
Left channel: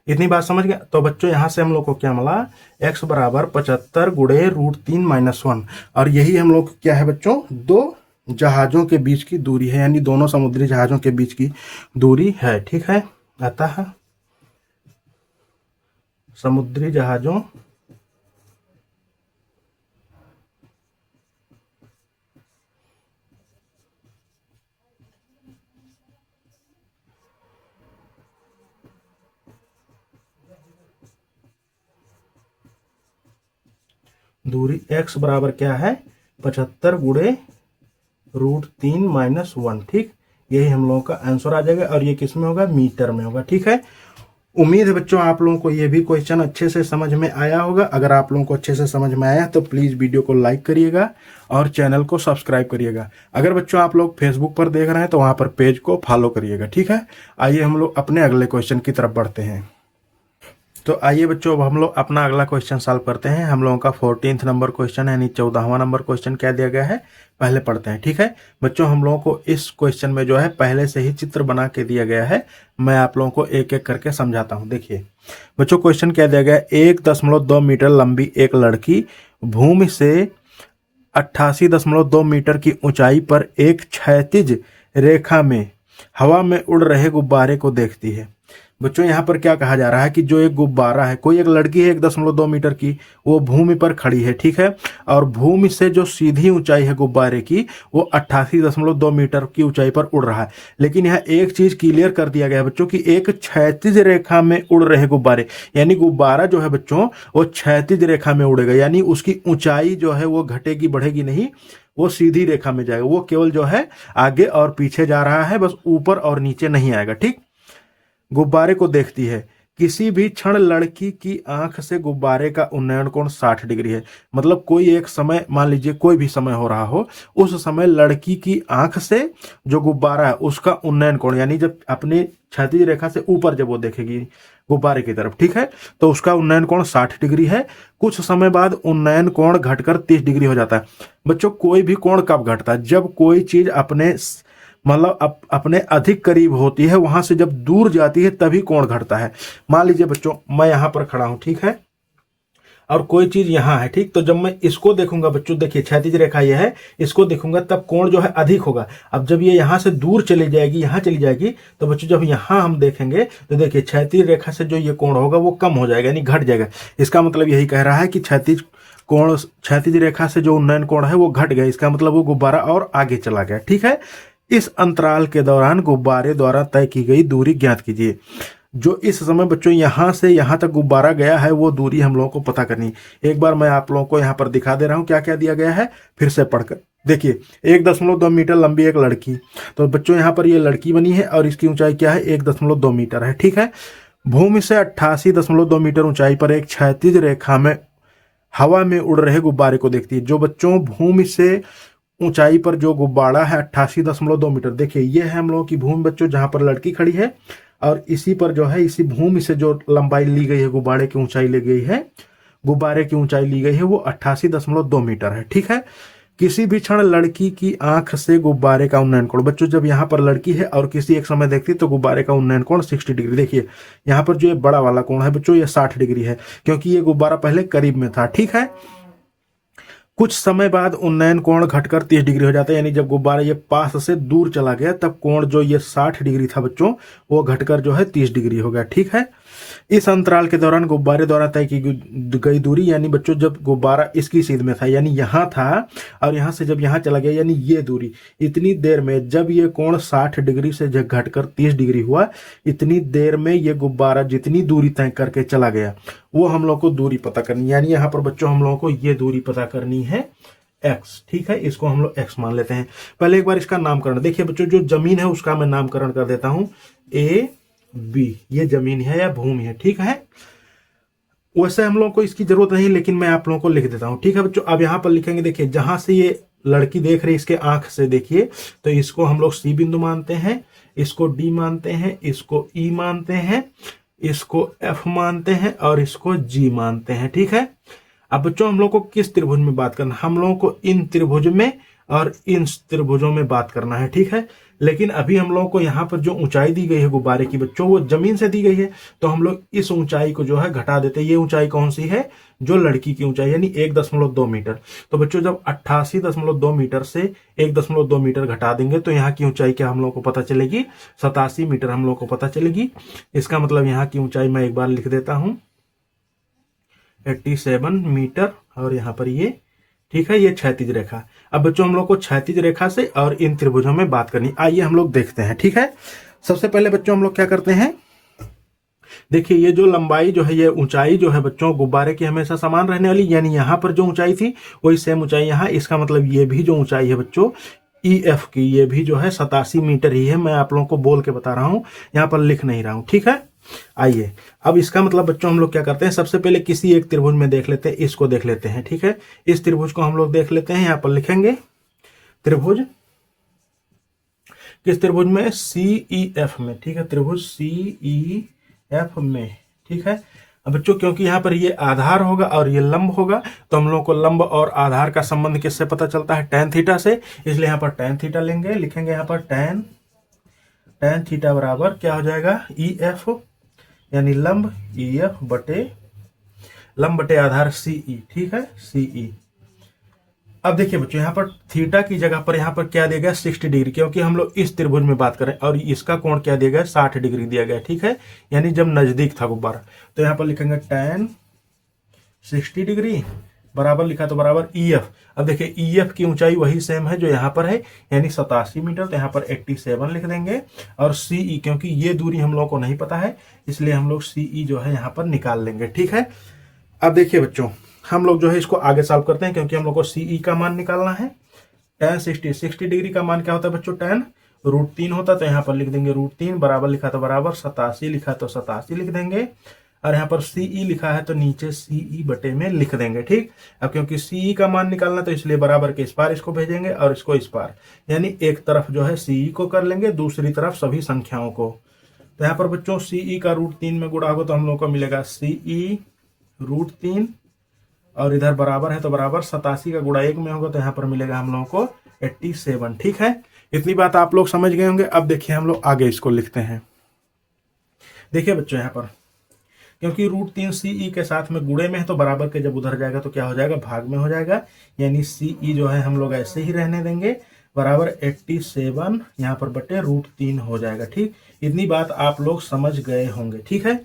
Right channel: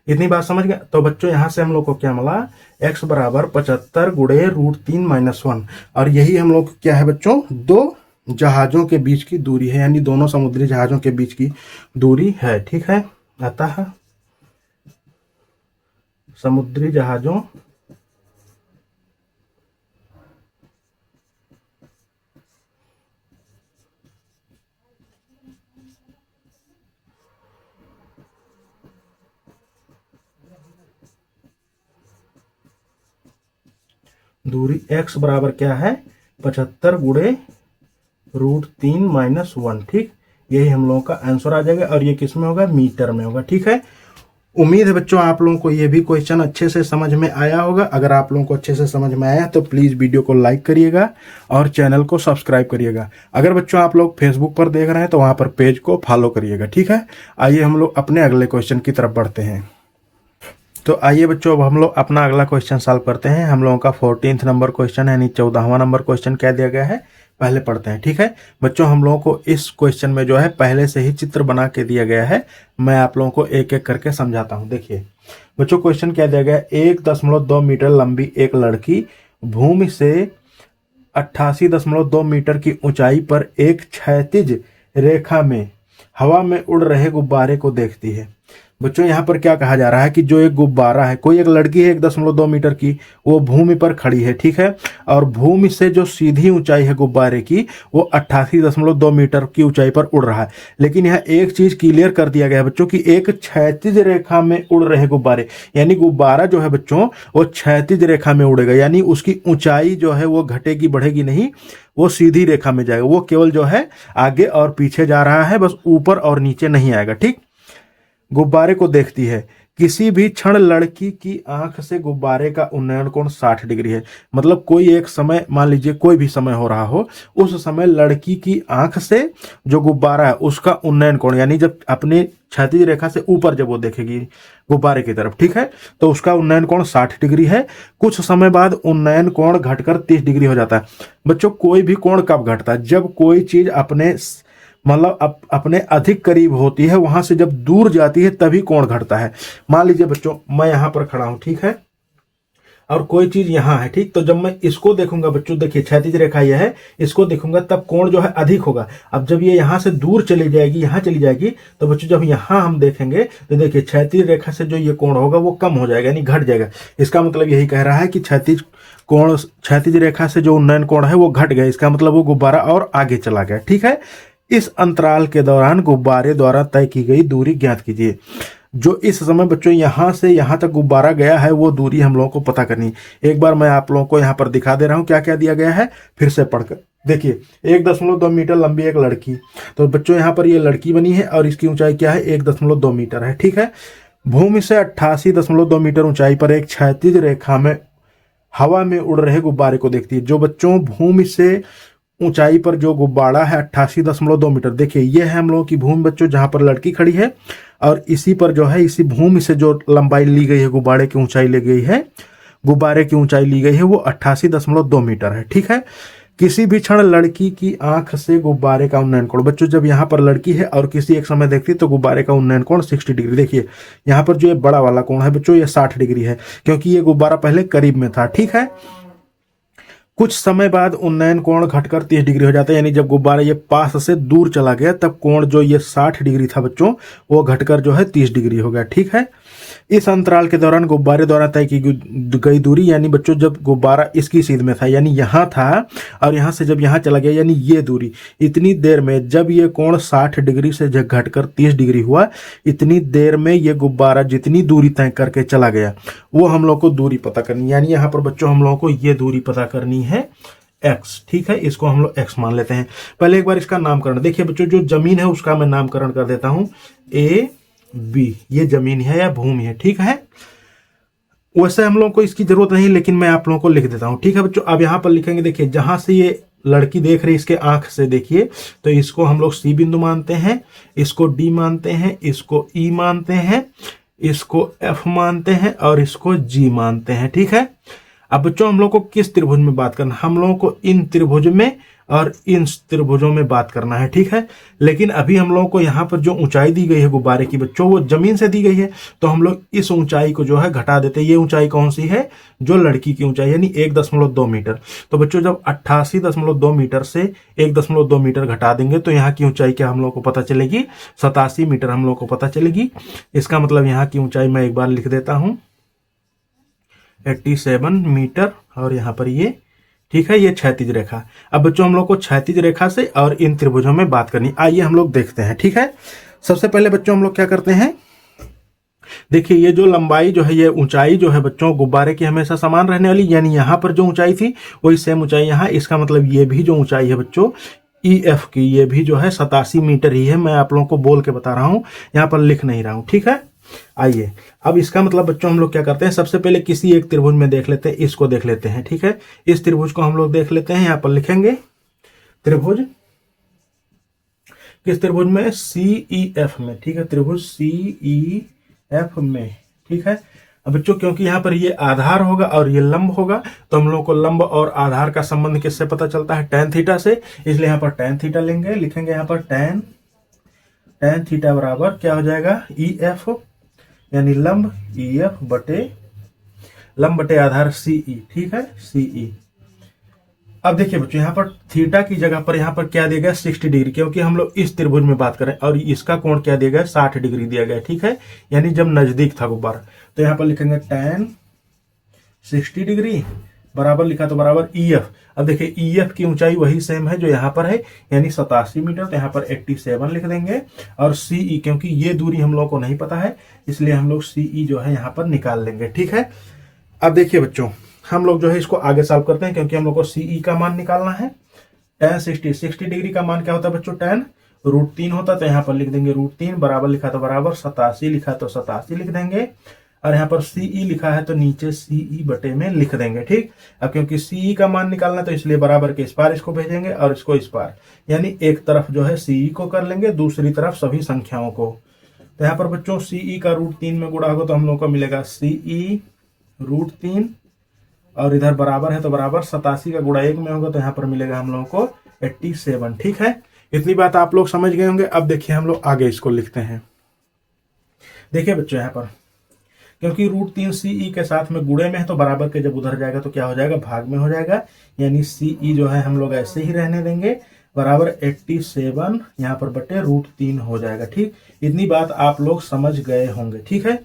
इतनी बात समझ गया। तो बच्चों यहाँ से हम लोग को क्या मिला, x बराबर 75 × √3 - 1, और यही हम लोग क्या है बच्चों, दो जहाजों के बीच की दूरी है, यानी दोनों समुद्री जहाजों के बीच की दूरी है, ठीक है। अतः समुद्री जहाजों दूरी x बराबर क्या है, 75 × √3 - 1, ठीक। यही हम लोगों का आंसर आ जाएगा, और ये किस में होगा, मीटर में होगा, ठीक है। उम्मीद है बच्चों आप लोगों को ये भी क्वेश्चन अच्छे से समझ में आया होगा। अगर आप लोगों को अच्छे से समझ में आया तो प्लीज वीडियो को लाइक करिएगा और चैनल को सब्सक्राइब करिएगा। अगर बच्चों आप लोग फेसबुक पर देख रहे हैं तो वहां पर पेज को फॉलो करिएगा, ठीक है। आइए हम लोग अपने अगले क्वेश्चन की तरफ बढ़ते हैं। तो आइए बच्चों अब हम लोग अपना अगला क्वेश्चन सॉल्व करते हैं। हम लोगों का 14th नंबर क्वेश्चन यानी 14वां नंबर क्वेश्चन क्या दिया गया है, पहले पढ़ते हैं, ठीक है। बच्चों हम लोगों को इस क्वेश्चन में जो है पहले से ही चित्र बना के दिया गया है, मैं आप लोगों को एक एक करके समझाता हूं। देखिए बच्चों क्वेश्चन क्या दिया गया है, 1.2 मीटर लंबी एक लड़की भूमि से 88.2 मीटर की ऊंचाई पर एक क्षैतिज रेखा में हवा में उड़ रहे गुब्बारे को देखती है। बच्चों यहाँ पर क्या कहा जा रहा है कि जो एक गुब्बारा है, कोई एक लड़की है 1.2 मीटर की, वो भूमि पर खड़ी है, ठीक है, और भूमि से जो सीधी ऊंचाई है गुब्बारे की वो 88.2 मीटर की ऊंचाई पर उड़ रहा है। लेकिन यहाँ एक चीज क्लियर कर दिया गया है बच्चों की एक क्षैतिज रेखा में उड़ रहे गुब्बारे, यानी गुब्बारा जो है बच्चों वो क्षैतिज रेखा में उड़ेगा, यानी उसकी ऊंचाई जो है वो घटेगी बढ़ेगी नहीं, वो सीधी रेखा में जाएगा, वो केवल जो है आगे और पीछे जा रहा है, बस ऊपर और नीचे नहीं आएगा, ठीक। गुब्बारे को देखती है, किसी भी क्षण लड़की की आंख से गुब्बारे का उन्नयन कोण 60 डिग्री है। मतलब कोई एक समय, मान लीजिए कोई भी समय हो रहा हो, उस समय लड़की की आंख से जो गुब्बारा है उसका उन्नयन कोण, यानी जब अपनी क्षैतिज रेखा से ऊपर जब वो देखेगी गुब्बारे की तरफ, ठीक है, तो उसका उन्नयन कोण 60 डिग्री है। कुछ समय बाद उन्नयन कोण घटकर 30 डिग्री हो जाता है। बच्चों कोई भी कोण कब घटता है? जब कोई चीज अपने मतलब अपने अधिक करीब होती है, वहां से जब दूर जाती है तभी कोण घटता है। मान लीजिए बच्चों मैं यहां पर खड़ा हूं, ठीक है, और कोई चीज यहां है, ठीक, तो जब मैं इसको देखूंगा बच्चों, देखिए क्षैतिज रेखा यह है, इसको देखूंगा तब कोण जो है अधिक होगा। अब जब ये यहां से दूर चली जाएगी, यहां चली जाएगी, तो बच्चों जब यहां हम देखेंगे तो देखिए क्षैतिज रेखा से जो ये कोण होगा वो कम हो जाएगा, यानी घट जाएगा। इसका मतलब यही कह रहा है कि क्षैतिज रेखा से जो उन्नयन कोण है वो घट गया। इसका मतलब वो गुब्बारा और आगे चला गया, ठीक है। इस अंतराल के दौरान गुब्बारे द्वारा तय की गई दूरी ज्ञात कीजिए। जो इस समय बच्चों यहां से यहां तक गुब्बारा गया है वो दूरी हम लोगों को पता करनी। एक बार मैं आप लोगों को यहां पर दिखा दे रहा हूं क्या क्या दिया गया है, फिर से पढ़कर देखिए। 1.2 मीटर लंबी एक लड़की, तो बच्चों यहां पर ये लड़की बनी है और इसकी ऊंचाई क्या है? 1.2 मीटर है, ठीक है। भूमि से 88.2 मीटर ऊंचाई पर एक क्षैतिज रेखा में हवा में उड़ रहे गुब्बारे को देखती है। जो बच्चों भूमि से ऊंचाई पर जो गुब्बारा है 88.2 मीटर, देखिए ये है हम लोगों की भूमि बच्चों, जहां पर लड़की खड़ी है, और इसी पर जो है इसी भूमि से जो लंबाई ली गई है, गुब्बारे की ऊंचाई ली गई है, गुब्बारे की ऊंचाई ली गई है वो 88.2 मीटर है, ठीक है। किसी भी क्षण लड़की की आंख से गुब्बारे का उन्नयन कोण, बच्चों जब यहाँ पर लड़की है और किसी एक समय देखती तो गुब्बारे का उन्नयन कोण 60 डिग्री। देखिए यहाँ पर जो ये बड़ा वाला कोण है बच्चों ये 60 डिग्री है, क्योंकि ये गुब्बारा पहले करीब में था, ठीक है। कुछ समय बाद उन्नयन कोण घटकर 30 डिग्री हो जाता है, यानी जब गुब्बारा ये पास से दूर चला गया तब कोण जो ये 60 डिग्री था बच्चों वो घटकर जो है 30 डिग्री हो गया, ठीक है। इस अंतराल के दौरान गुब्बारे द्वारा तय की गई दूरी, यानी बच्चों जब गुब्बारा इसकी सीध में था, यानी यहां था, और यहां से जब यहां चला गया, यानी ये दूरी, इतनी देर में जब ये कोण 60 डिग्री से घटकर 30 डिग्री हुआ, इतनी देर में ये गुब्बारा जितनी दूरी तय करके चला गया वो हम लोग को दूरी पता करनी। यानी यहाँ पर बच्चों हम लोगों को ये दूरी पता करनी है x, ठीक है। इसको हम लोग x मान लेते हैं। पहले एक बार इसका नामकरण देखिए बच्चों, जो जमीन है उसका मैं नामकरण कर देता हूं A B, ये जमीन है या भूमि है, ठीक है। वैसे हम लोगों को इसकी जरूरत नहीं, लेकिन मैं आप लोगों को लिख देता हूं, ठीक है बच्चों। अब यहां पर लिखेंगे, देखिए जहां से ये लड़की देख रही है इसके आंख से देखिए, तो इसको हम लोग C बिंदु मानते हैं, इसको D मानते हैं, इसको E मानते हैं, इसको F मानते हैं और इसको G मानते हैं, ठीक है। अब बच्चों हम लोग को किस त्रिभुज में बात करना? हम लोगों को इन त्रिभुज में और इन त्रिभुजों में बात करना है, ठीक है। लेकिन अभी हम लोगों को यहाँ पर जो ऊंचाई दी गई है गुब्बारे की बच्चों वो जमीन से दी गई है, तो हम लोग इस ऊंचाई को जो है घटा देते हैं। ये ऊंचाई कौन सी है? जो लड़की की ऊंचाई, यानी 1.2 मीटर। तो बच्चों जब 88.2 मीटर से 1.2 मीटर घटा देंगे तो यहाँ की ऊंचाई क्या हम लोग को पता चलेगी? 87 मीटर हम लोग को पता चलेगी। इसका मतलब यहाँ की ऊंचाई मैं एक बार लिख देता हूँ 87 मीटर, और यहाँ पर ये, ठीक है, ये क्षैतिज रेखा। अब बच्चों हम लोग को क्षैतिज रेखा से और इन त्रिभुजों में बात करनी, आइए हम लोग देखते हैं, ठीक है। सबसे पहले बच्चों हम लोग क्या करते हैं, देखिए ये जो लंबाई जो है, ये ऊंचाई जो है बच्चों गुब्बारे की हमेशा समान रहने वाली, यानी यहाँ पर जो ऊंचाई थी वही सेम ऊंचाई यहाँ। इसका मतलब ये भी जो ऊंचाई है बच्चों EF की, ये भी जो है 87 मीटर ही है। मैं आप लोगों को बोल के बता रहा हूँ, यहाँ पर लिख नहीं रहा हूँ, ठीक है। आइए अब इसका मतलब बच्चों हम लोग क्या करते हैं, सबसे पहले किसी एक त्रिभुज में देख लेते हैं, इसको देख लेते हैं, ठीक है। इस त्रिभुज को हम लोग देख लेते हैं, यहाँ पर लिखेंगे त्रिभुज, किस त्रिभुज में? CEF में, ठीक है, त्रिभुज CEF में, ठीक है। अब बच्चों क्योंकि यहाँ पर ये आधार होगा और ये लंब होगा, तो हम लोग को लंब और आधार का संबंध किससे पता चलता है? tan थीटा से। इसलिए यहाँ पर tan थीटा लेंगे, लिखेंगे यहाँ पर tan थीटा बराबर क्या हो जाएगा? EF, यानी लंब EF बटे लंब बटे आधार CE, ठीक है, CE। अब देखिए बच्चों यहाँ पर थीटा की जगह पर यहाँ पर क्या दिया गया? 60 डिग्री, क्योंकि हम लोग इस त्रिभुज में बात करें, और इसका कोण क्या दिया गया? 60 डिग्री दिया गया, ठीक है, यानी जब नजदीक था गुब्बारा। तो यहाँ पर लिखेंगे tan 60 डिग्री बराबर, लिखा तो बराबर EF। अब देखिए EF की ऊंचाई वही सेम है जो यहाँ पर है, यानी 87 मीटर, तो यहाँ पर 87 लिख देंगे। और CE, क्योंकि ये दूरी हम लोगों को नहीं पता है, इसलिए हम लोग CE जो है यहाँ पर निकाल लेंगे, ठीक है। अब देखिए बच्चों हम लोग जो है इसको आगे सॉल्व करते हैं, क्योंकि हम लोग को CE का मान निकालना है। tan 60 डिग्री का मान क्या होता है बच्चों? tan √3 होता तो यहाँ पर लिख देंगे √3, बराबर लिखा तो बराबर, 87 लिखा तो 87 लिख देंगे, और यहाँ पर CE लिखा है तो नीचे CE बटे में लिख देंगे। ठीक, अब क्योंकि CE का मान निकालना तो इसलिए बराबर के इस पार इसको भेजेंगे और इसको इस पार, यानी एक तरफ जो है CE को कर लेंगे, दूसरी तरफ सभी संख्याओं को। तो यहाँ पर बच्चों CE का √3 में गुणा होगा तो हम लोग को मिलेगा CE √3, और इधर बराबर है तो बराबर 87 का गुणा 1 में होगा तो यहाँ पर मिलेगा हम लोगों को 87। ठीक है, इतनी बात आप लोग समझ गए होंगे। अब देखिए हम लोग आगे इसको लिखते हैं। देखिए बच्चों यहाँ पर क्योंकि √3 CE के साथ में गुणे में है तो बराबर के जब उधर जाएगा तो क्या हो जाएगा, भाग में हो जाएगा, यानी CE जो है हम लोग ऐसे ही रहने देंगे, बराबर 87 यहाँ पर बटे √3 हो जाएगा। ठीक, इतनी बात आप लोग समझ गए होंगे। ठीक है,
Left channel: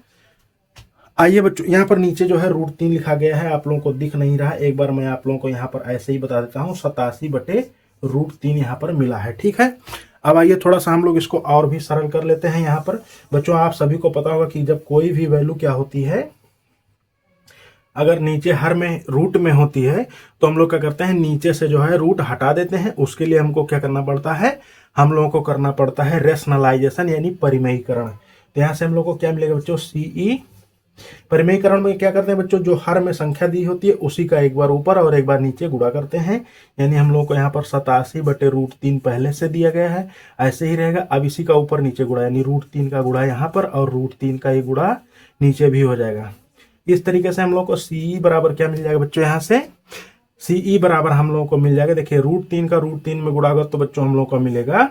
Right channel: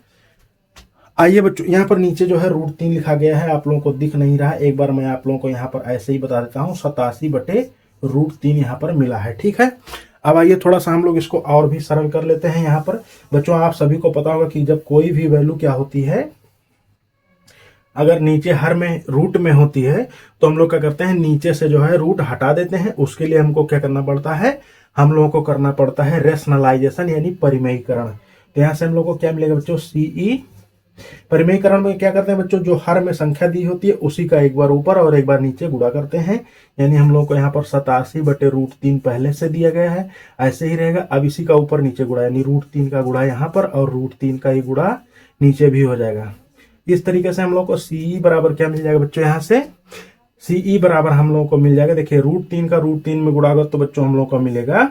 आइए बच्चों यहाँ पर नीचे जो है √3 लिखा गया है, आप लोगों को दिख नहीं रहा, एक बार मैं आप लोगों को यहाँ पर ऐसे ही बता देता हूँ, 87 बटे √3 यहाँ पर मिला है। ठीक है, अब आइए थोड़ा सा हम लोग इसको और भी सरल कर लेते हैं। यहाँ पर बच्चों आप सभी को पता होगा कि जब कोई भी वैल्यू क्या होती है, अगर नीचे हर में रूट में होती है तो हम लोग क्या करते हैं, नीचे से जो है रूट हटा देते हैं। उसके लिए हमको क्या करना पड़ता है, हम लोगों को करना पड़ता है रेशनलाइजेशन यानी परिमेयीकरण। तो यहाँ से हम लोग को क्या मिलेगा बच्चों, CE। परिमेयीकरण में क्या करते हैं बच्चों, जो हर में संख्या दी होती है उसी का एक बार ऊपर और एक बार नीचे गुणा करते हैं, यानी हम लोग को यहाँ पर 87 बटे √3 पहले से दिया गया है, ऐसे ही रहेगा। अब इसी का ऊपर नीचे गुणा, यानी √3 का गुणा यहाँ पर और √3 का ही गुणा नीचे भी हो जाएगा। इस तरीके से हम लोग को CE बराबर क्या मिल जाएगा बच्चों, यहाँ से CE बराबर हम लोगों को मिल जाएगा। देखिए √3 का √3 में गुणा होगा तो बच्चों हम लोग को मिलेगा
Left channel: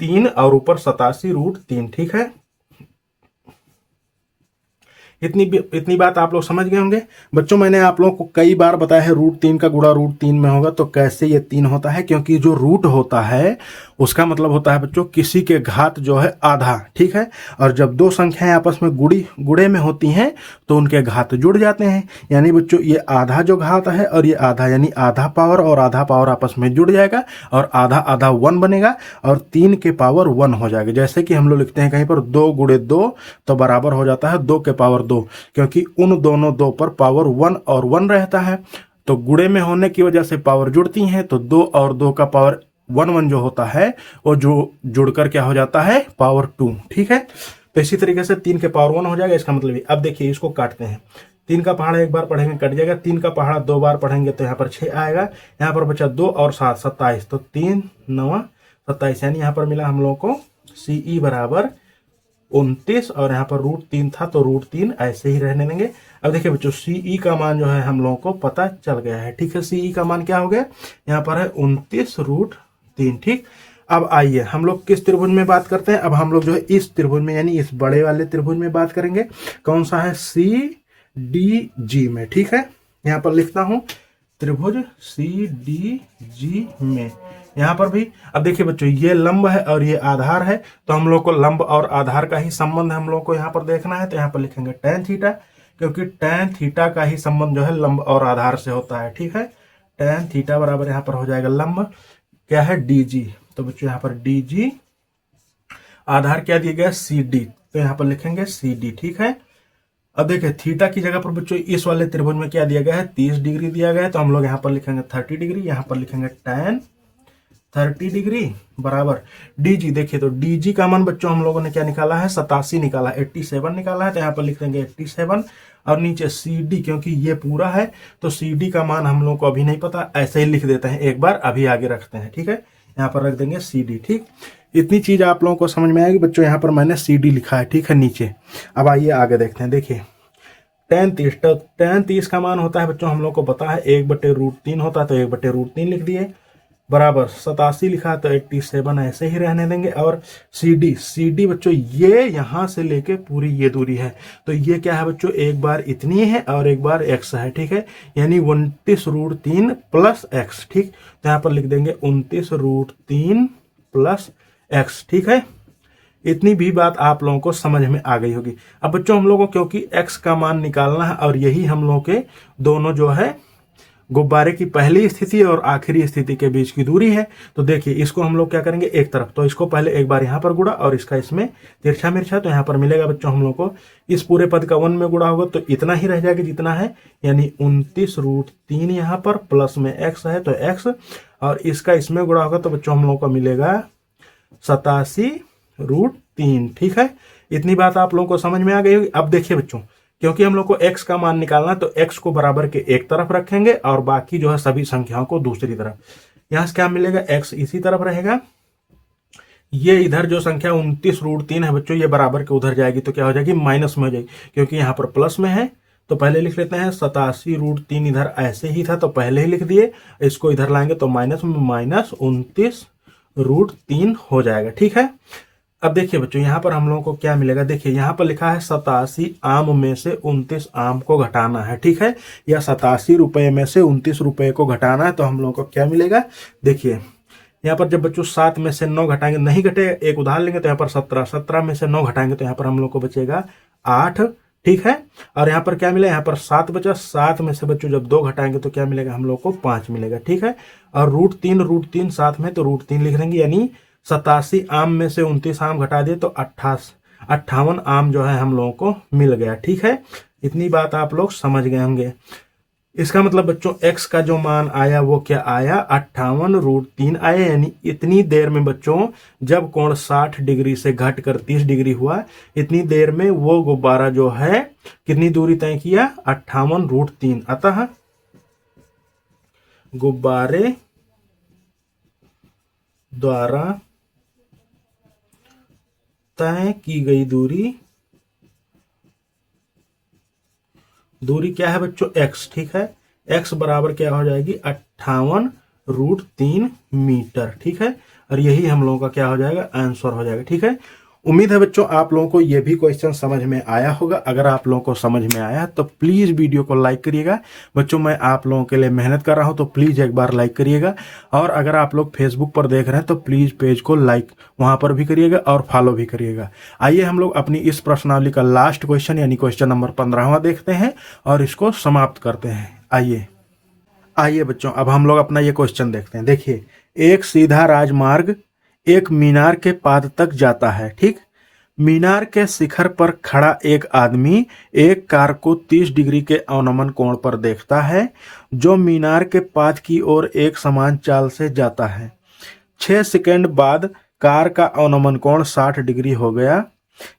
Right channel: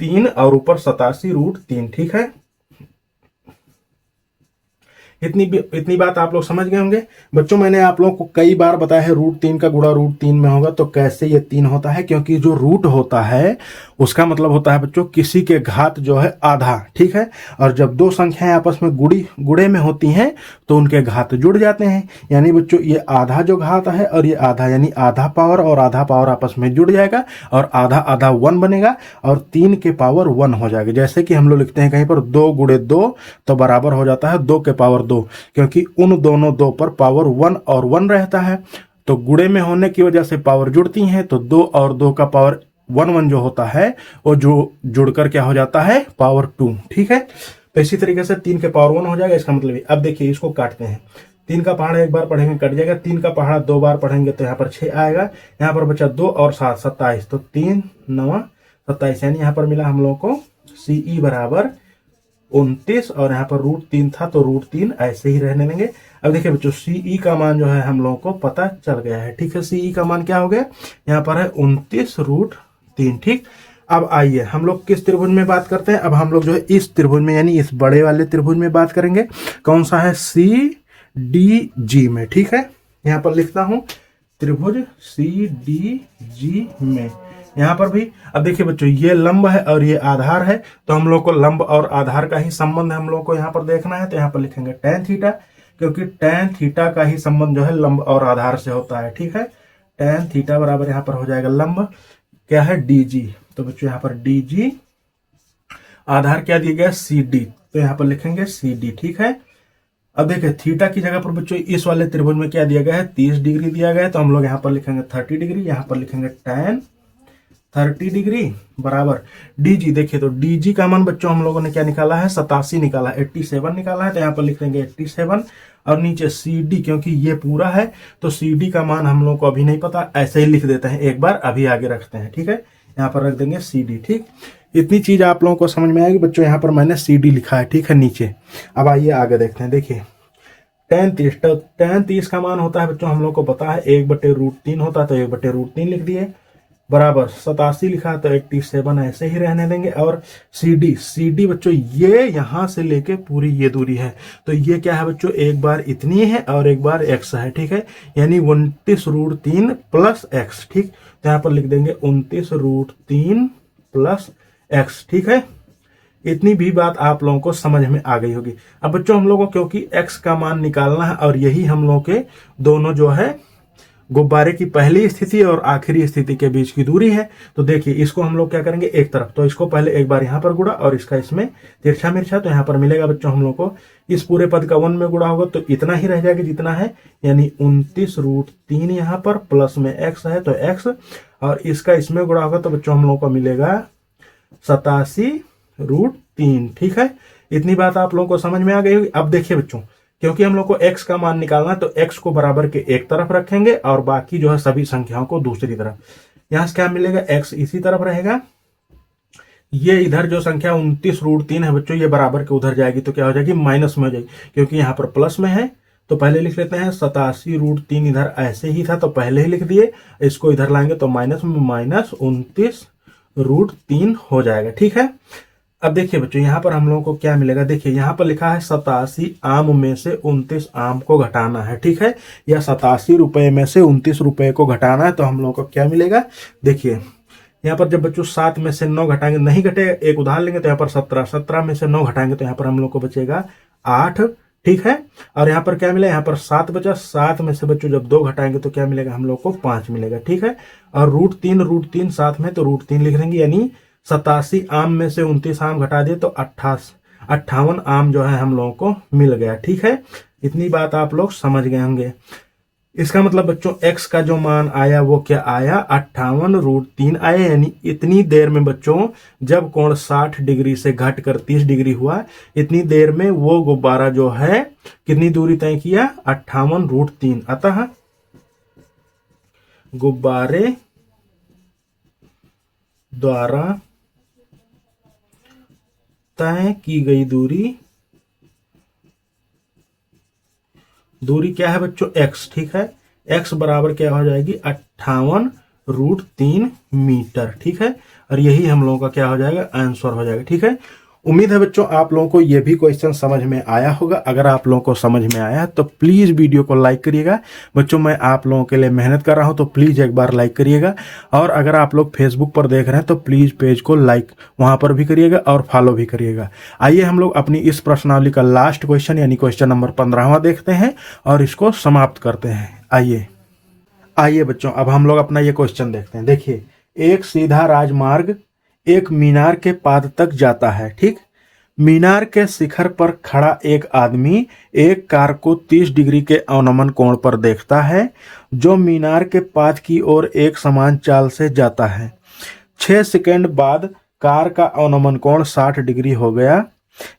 3 और ऊपर 87 √3। ठीक है, इतनी बात आप लोग समझ गए होंगे। बच्चों मैंने आप लोगों को कई बार बताया है √3 का गुणा √3 में होगा तो कैसे ये 3 होता है, क्योंकि जो रूट होता है उसका मतलब होता है बच्चों किसी के घात जो है आधा। ठीक है, और जब दो संख्याएं आपस में गुणे में होती हैं तो उनके घात जुड़ जाते हैं, यानी बच्चों ये आधा जो घात है और ये आधा, यानी आधा पावर और आधा पावर आपस में जुड़ जाएगा और आधा आधा 1 बनेगा और 3 के पावर 1 हो जाएगा। जैसे कि हम लोग लिखते हैं कहीं पर 2 गुणे 2 तो बराबर हो जाता है 2 के पावर 2, क्योंकि उन दोनों 2 पर पावर 1 और 1 रहता है, तो गुणे में होने की वजह से पावर जुड़ती हैं, तो 2 और 2 का पावर 1 जो होता है वो जो जुड़कर क्या हो जाता है, पावर 2। ठीक है, तो इसी तरीके से 3 के पावर 1 हो जाएगा, इसका मतलब है। अब देखिए इसको काटते हैं, 3 का पहाड़ा एक बार पढ़ेंगे कट जाएगा, 3 का पहाड़ा 2 बार पढ़ेंगे तो यहाँ पर 6 आएगा, यहाँ पर बचा 2 और 7 27, तो 3 9 27, यानी यहाँ पर मिला हम लोगों को CE बराबर 29, और यहाँ पर √3 था तो √3 ऐसे ही रहने देंगे। अब देखिए बच्चों CE का मान जो है हम लोगों को पता चल गया है। ठीक है, CE का मान क्या हो गया, यहाँ पर है 29 √3। ठीक, अब आइए हम लोग किस त्रिभुज में बात करते हैं। अब हम लोग जो है इस त्रिभुज में यानी इस बड़े वाले त्रिभुज में बात करेंगे। कौन सा है, CDG में। ठीक है, यहाँ पर लिखता हूं त्रिभुज CDG में। यहाँ पर भी अब देखिए बच्चों ये लंब है और ये आधार है, तो हम लोग को लंब और आधार का ही संबंध हम लोग को यहाँ पर देखना है, तो यहाँ पर लिखेंगे tan थीटा, क्योंकि tan थीटा का ही संबंध जो है लंब और आधार से होता है। ठीक है, tan थीटा बराबर यहाँ पर हो जाएगा लंब क्या है, DG, तो बच्चों यहाँ पर DG, आधार क्या दिया गया CD, तो यहाँ पर लिखेंगे CD। ठीक है, अब देखिए थीटा की जगह पर बच्चों इस वाले त्रिभुज में क्या दिया गया है, 30 डिग्री दिया गया है, तो हम लोग यहाँ पर लिखेंगे 30 डिग्री, यहाँ पर लिखेंगे tan 30 डिग्री बराबर DG। देखिए तो DG का मान बच्चों हम लोगों ने क्या निकाला है, 87 निकाला, 87 निकाला है, तो यहाँ पर लिख देंगे 87 और नीचे CD, क्योंकि ये पूरा है तो CD का मान हम लोग को अभी नहीं पता, ऐसे ही लिख देते हैं, एक बार अभी आगे रखते हैं। ठीक है, यहाँ पर रख देंगे CD। ठीक, इतनी चीज आप लोगों को समझ में आएगी बच्चों, यहाँ पर मैंने CD लिखा है। ठीक है, नीचे। अब आइए आगे देखते हैं। देखिए tan 30 का मान होता है बच्चों हम लोग को पता है 1/√3 होता है, तो 1/√3 लिख दिए, बराबर 87 लिखा है तो 87 ऐसे ही रहने देंगे। और CD बच्चों ये यहाँ से लेके पूरी ये दूरी है, तो ये क्या है बच्चों, एक बार इतनी है और एक बार x है। ठीक है, यानी 29√3 प्लस x। ठीक, तो यहाँ पर लिख देंगे 29√3 प्लस x। ठीक है, इतनी भी बात आप लोगों को समझ में आ गई होगी। अब बच्चों हम लोगों को क्योंकि x का मान निकालना है और यही हम लोगों के दोनों जो है गुब्बारे की पहली स्थिति और आखिरी स्थिति के बीच की दूरी है, तो देखिए इसको हम लोग क्या करेंगे, एक तरफ, तो इसको पहले एक बार यहाँ पर गुणा और इसका इसमें तिरछा मिर्छा, तो यहाँ पर मिलेगा बच्चों हम लोग को इस पूरे पद का 1 में गुणा होगा तो इतना ही रह जाएगा जितना है, यानी 29√3 यहाँ पर प्लस में x है तो x, और इसका इसमें गुणा होगा तो बच्चों हम लोग को मिलेगा 87√3। ठीक है, इतनी बात आप लोगों को समझ में आ गई होगी। अब देखिए बच्चों, क्योंकि हम लोग को x का मान निकालना है तो x को बराबर के एक तरफ रखेंगे और बाकी जो है सभी संख्याओं को दूसरी तरफ। यहां से क्या मिलेगा, x इसी तरफ रहेगा, ये इधर जो संख्या 29√3 है बच्चों, ये बराबर के उधर जाएगी तो क्या हो जाएगी, माइनस में हो जाएगी, क्योंकि यहाँ पर प्लस में है तो पहले लिख लेते हैं 87√3, इधर ऐसे ही था तो पहले ही लिख दिए, इसको इधर लाएंगे तो माइनस में -29√3 हो जाएगा। ठीक है, अब देखिए बच्चों यहाँ पर हम लोगों को क्या मिलेगा, देखिए यहाँ पर लिखा है 87 आम में से 29 आम को घटाना है। ठीक है, या 87 रुपए में से 29 रुपए को घटाना है तो हम लोगों को क्या मिलेगा, देखिए यहाँ पर जब बच्चों 7 में से 9 घटाएंगे, नहीं घटेगा, एक उदाहरण लेंगे तो यहाँ पर 17 में से 9 घटाएंगे तो यहाँ पर हम लोग को बचेगा 8। ठीक है, और यहाँ पर क्या मिला, यहाँ पर 7 बचा, 7 में से बच्चों जब 2 घटाएंगे तो क्या मिलेगा, हम लोग को 5 मिलेगा। ठीक है, और √3 साथ में तो √3 लिख देंगे, यानी 87 आम में से 29 आम घटा दिए तो 58 आम जो है हम लोगों को मिल गया। ठीक है, इतनी बात आप लोग समझ गए होंगे। इसका मतलब बच्चों x का जो मान आया वो क्या आया, 58√3 आया, यानी इतनी देर में बच्चों जब कोण 60 डिग्री से घट कर 30 डिग्री हुआ, इतनी देर में वो गुब्बारा जो है कितनी दूरी तय किया, 58√3। अतः गुब्बारे द्वारा तय की गई दूरी क्या है बच्चों, x। ठीक है, x बराबर क्या हो जाएगी, 58√3 मीटर। ठीक है, और यही हम लोगों का क्या हो जाएगा, आंसर हो जाएगा। ठीक है, उम्मीद है बच्चों आप लोगों को ये भी क्वेश्चन समझ में आया होगा। अगर आप लोगों को समझ में आया तो प्लीज वीडियो को लाइक करिएगा। बच्चों मैं आप लोगों के लिए मेहनत कर रहा हूं तो प्लीज एक बार लाइक करिएगा, और अगर आप लोग फेसबुक पर देख रहे हैं तो प्लीज पेज को लाइक वहां पर भी करिएगा और फॉलो भी करिएगा। आइए हम लोग अपनी इस प्रश्नावली का लास्ट क्वेश्चन यानी क्वेश्चन नंबर 15वां देखते हैं और इसको समाप्त करते हैं। आइए बच्चों, अब हम लोग अपना ये क्वेश्चन देखते हैं। देखिए, एक सीधा राजमार्ग एक मीनार के पाद तक जाता है। ठीक, मीनार के शिखर पर खड़ा एक आदमी एक कार को 30 डिग्री के अवनमन कोण पर देखता है जो मीनार के पाद की ओर एक समान चाल से जाता है। 6 सेकंड बाद कार का अवनमन कोण 60 डिग्री हो गया।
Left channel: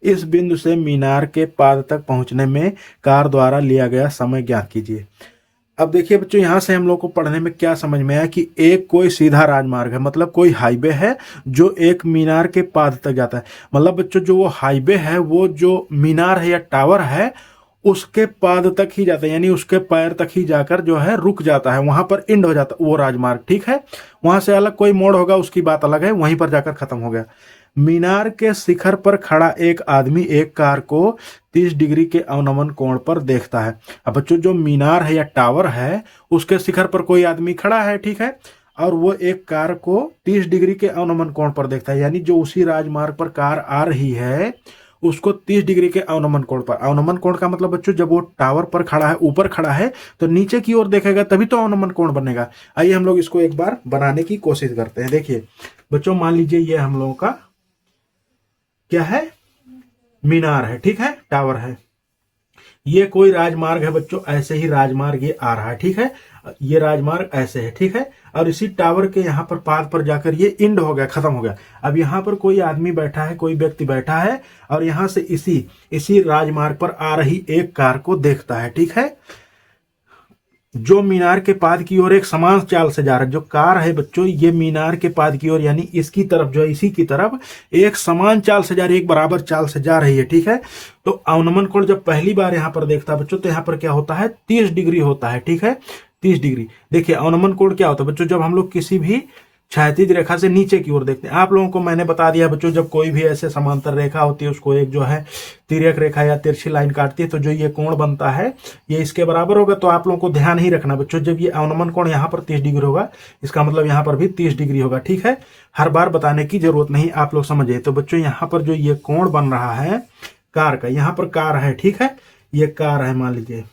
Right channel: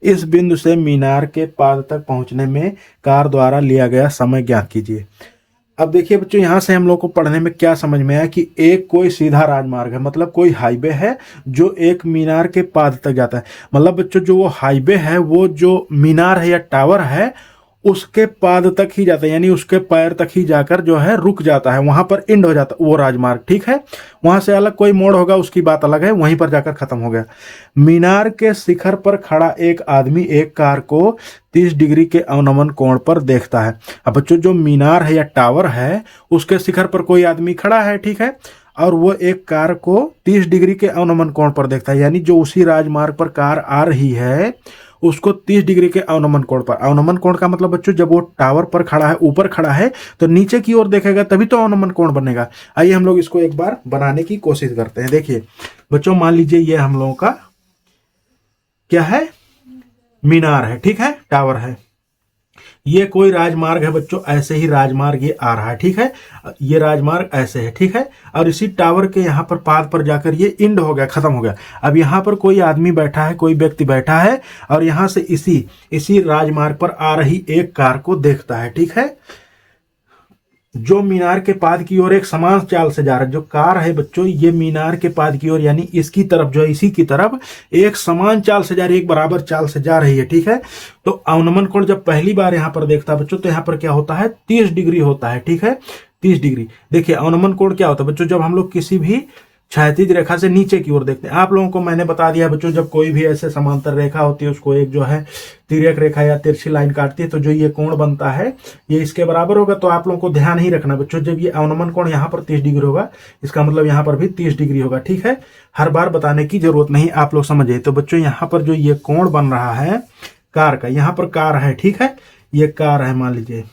इस बिंदु से मीनार के पाद तक पहुंचने में कार द्वारा लिया गया समय ज्ञात कीजिए। अब देखिए बच्चों, यहां से हम लोग को पढ़ने में क्या समझ में आया कि एक कोई सीधा राजमार्ग है, मतलब कोई हाईवे है जो एक मीनार के पाद तक जाता है। मतलब बच्चों जो वो हाईवे है वो जो मीनार है या टावर है उसके पाद तक ही जाता है, यानी उसके पैर तक ही जाकर जो है रुक जाता है, वहां पर एंड हो जाता है वो राजमार्ग। ठीक है, वहां से अलग कोई मोड़ होगा उसकी बात अलग है, वहीं पर जाकर खत्म हो गया। मीनार के शिखर पर खड़ा एक आदमी एक कार को 30 डिग्री के अवनमन कोण पर देखता है। अब बच्चों जो मीनार है या टावर है उसके शिखर पर कोई आदमी खड़ा है। ठीक है, और वो एक कार को 30 डिग्री के अवनमन कोण पर देखता है, यानी जो उसी राजमार्ग पर कार आ रही है उसको 30 डिग्री के अवनमन कोण पर। अवनमन कोण का मतलब बच्चों जब वो टावर पर खड़ा है, ऊपर खड़ा है, तो नीचे की ओर देखेगा तभी तो अवनमन कोण बनेगा। आइए हम लोग इसको एक बार बनाने की कोशिश करते हैं। देखिए बच्चों, मान लीजिए ये हम लोगों का क्या है, मीनार है। ठीक है, टावर है, ये कोई राजमार्ग है बच्चों, ऐसे ही राजमार्ग ये आ रहा है। ठीक है, ये राजमार्ग ऐसे है। ठीक है, और इसी टावर के यहाँ पर पाद पर जाकर ये इंड हो गया, खत्म हो गया। अब यहाँ पर कोई आदमी बैठा है, कोई व्यक्ति बैठा है और यहाँ से इसी राजमार्ग पर आ रही एक कार को देखता है। ठीक है, जो मीनार के पाद की ओर एक समान चाल से जा रहा है। जो कार है बच्चों ये मीनार के पाद की ओर यानी इसकी तरफ जो है इसी की तरफ एक समान चाल से जा रही है, एक बराबर चाल से जा रही है। ठीक है, तो अवनमन कोण जब पहली बार यहाँ पर देखता है बच्चों तो यहाँ पर क्या होता है, 30 डिग्री होता है। ठीक है, 30 डिग्री। देखिए अवनमन कोण क्या होता है बच्चों, जब हम लोग किसी भी क्षैतिज रेखा से नीचे की ओर देखते हैं। आप लोगों को मैंने बता दिया बच्चों, जब कोई भी ऐसे समांतर रेखा होती है उसको एक जो है तिर्यक रेखा या तिरछी लाइन काटती है तो जो ये कोण बनता है ये इसके बराबर होगा। तो आप लोगों को ध्यान ही रखना बच्चों, जब ये अवनमन कोण यहाँ पर 30 डिग्री होगा इसका मतलब यहाँ पर भी 30 डिग्री होगा। ठीक है, हर बार बताने की जरूरत नहीं, आप लोग समझिए। तो बच्चों यहाँ पर जो ये कोण बन रहा है कार का, यहाँ पर कार है। ठीक है, ये कार है मान लीजिए,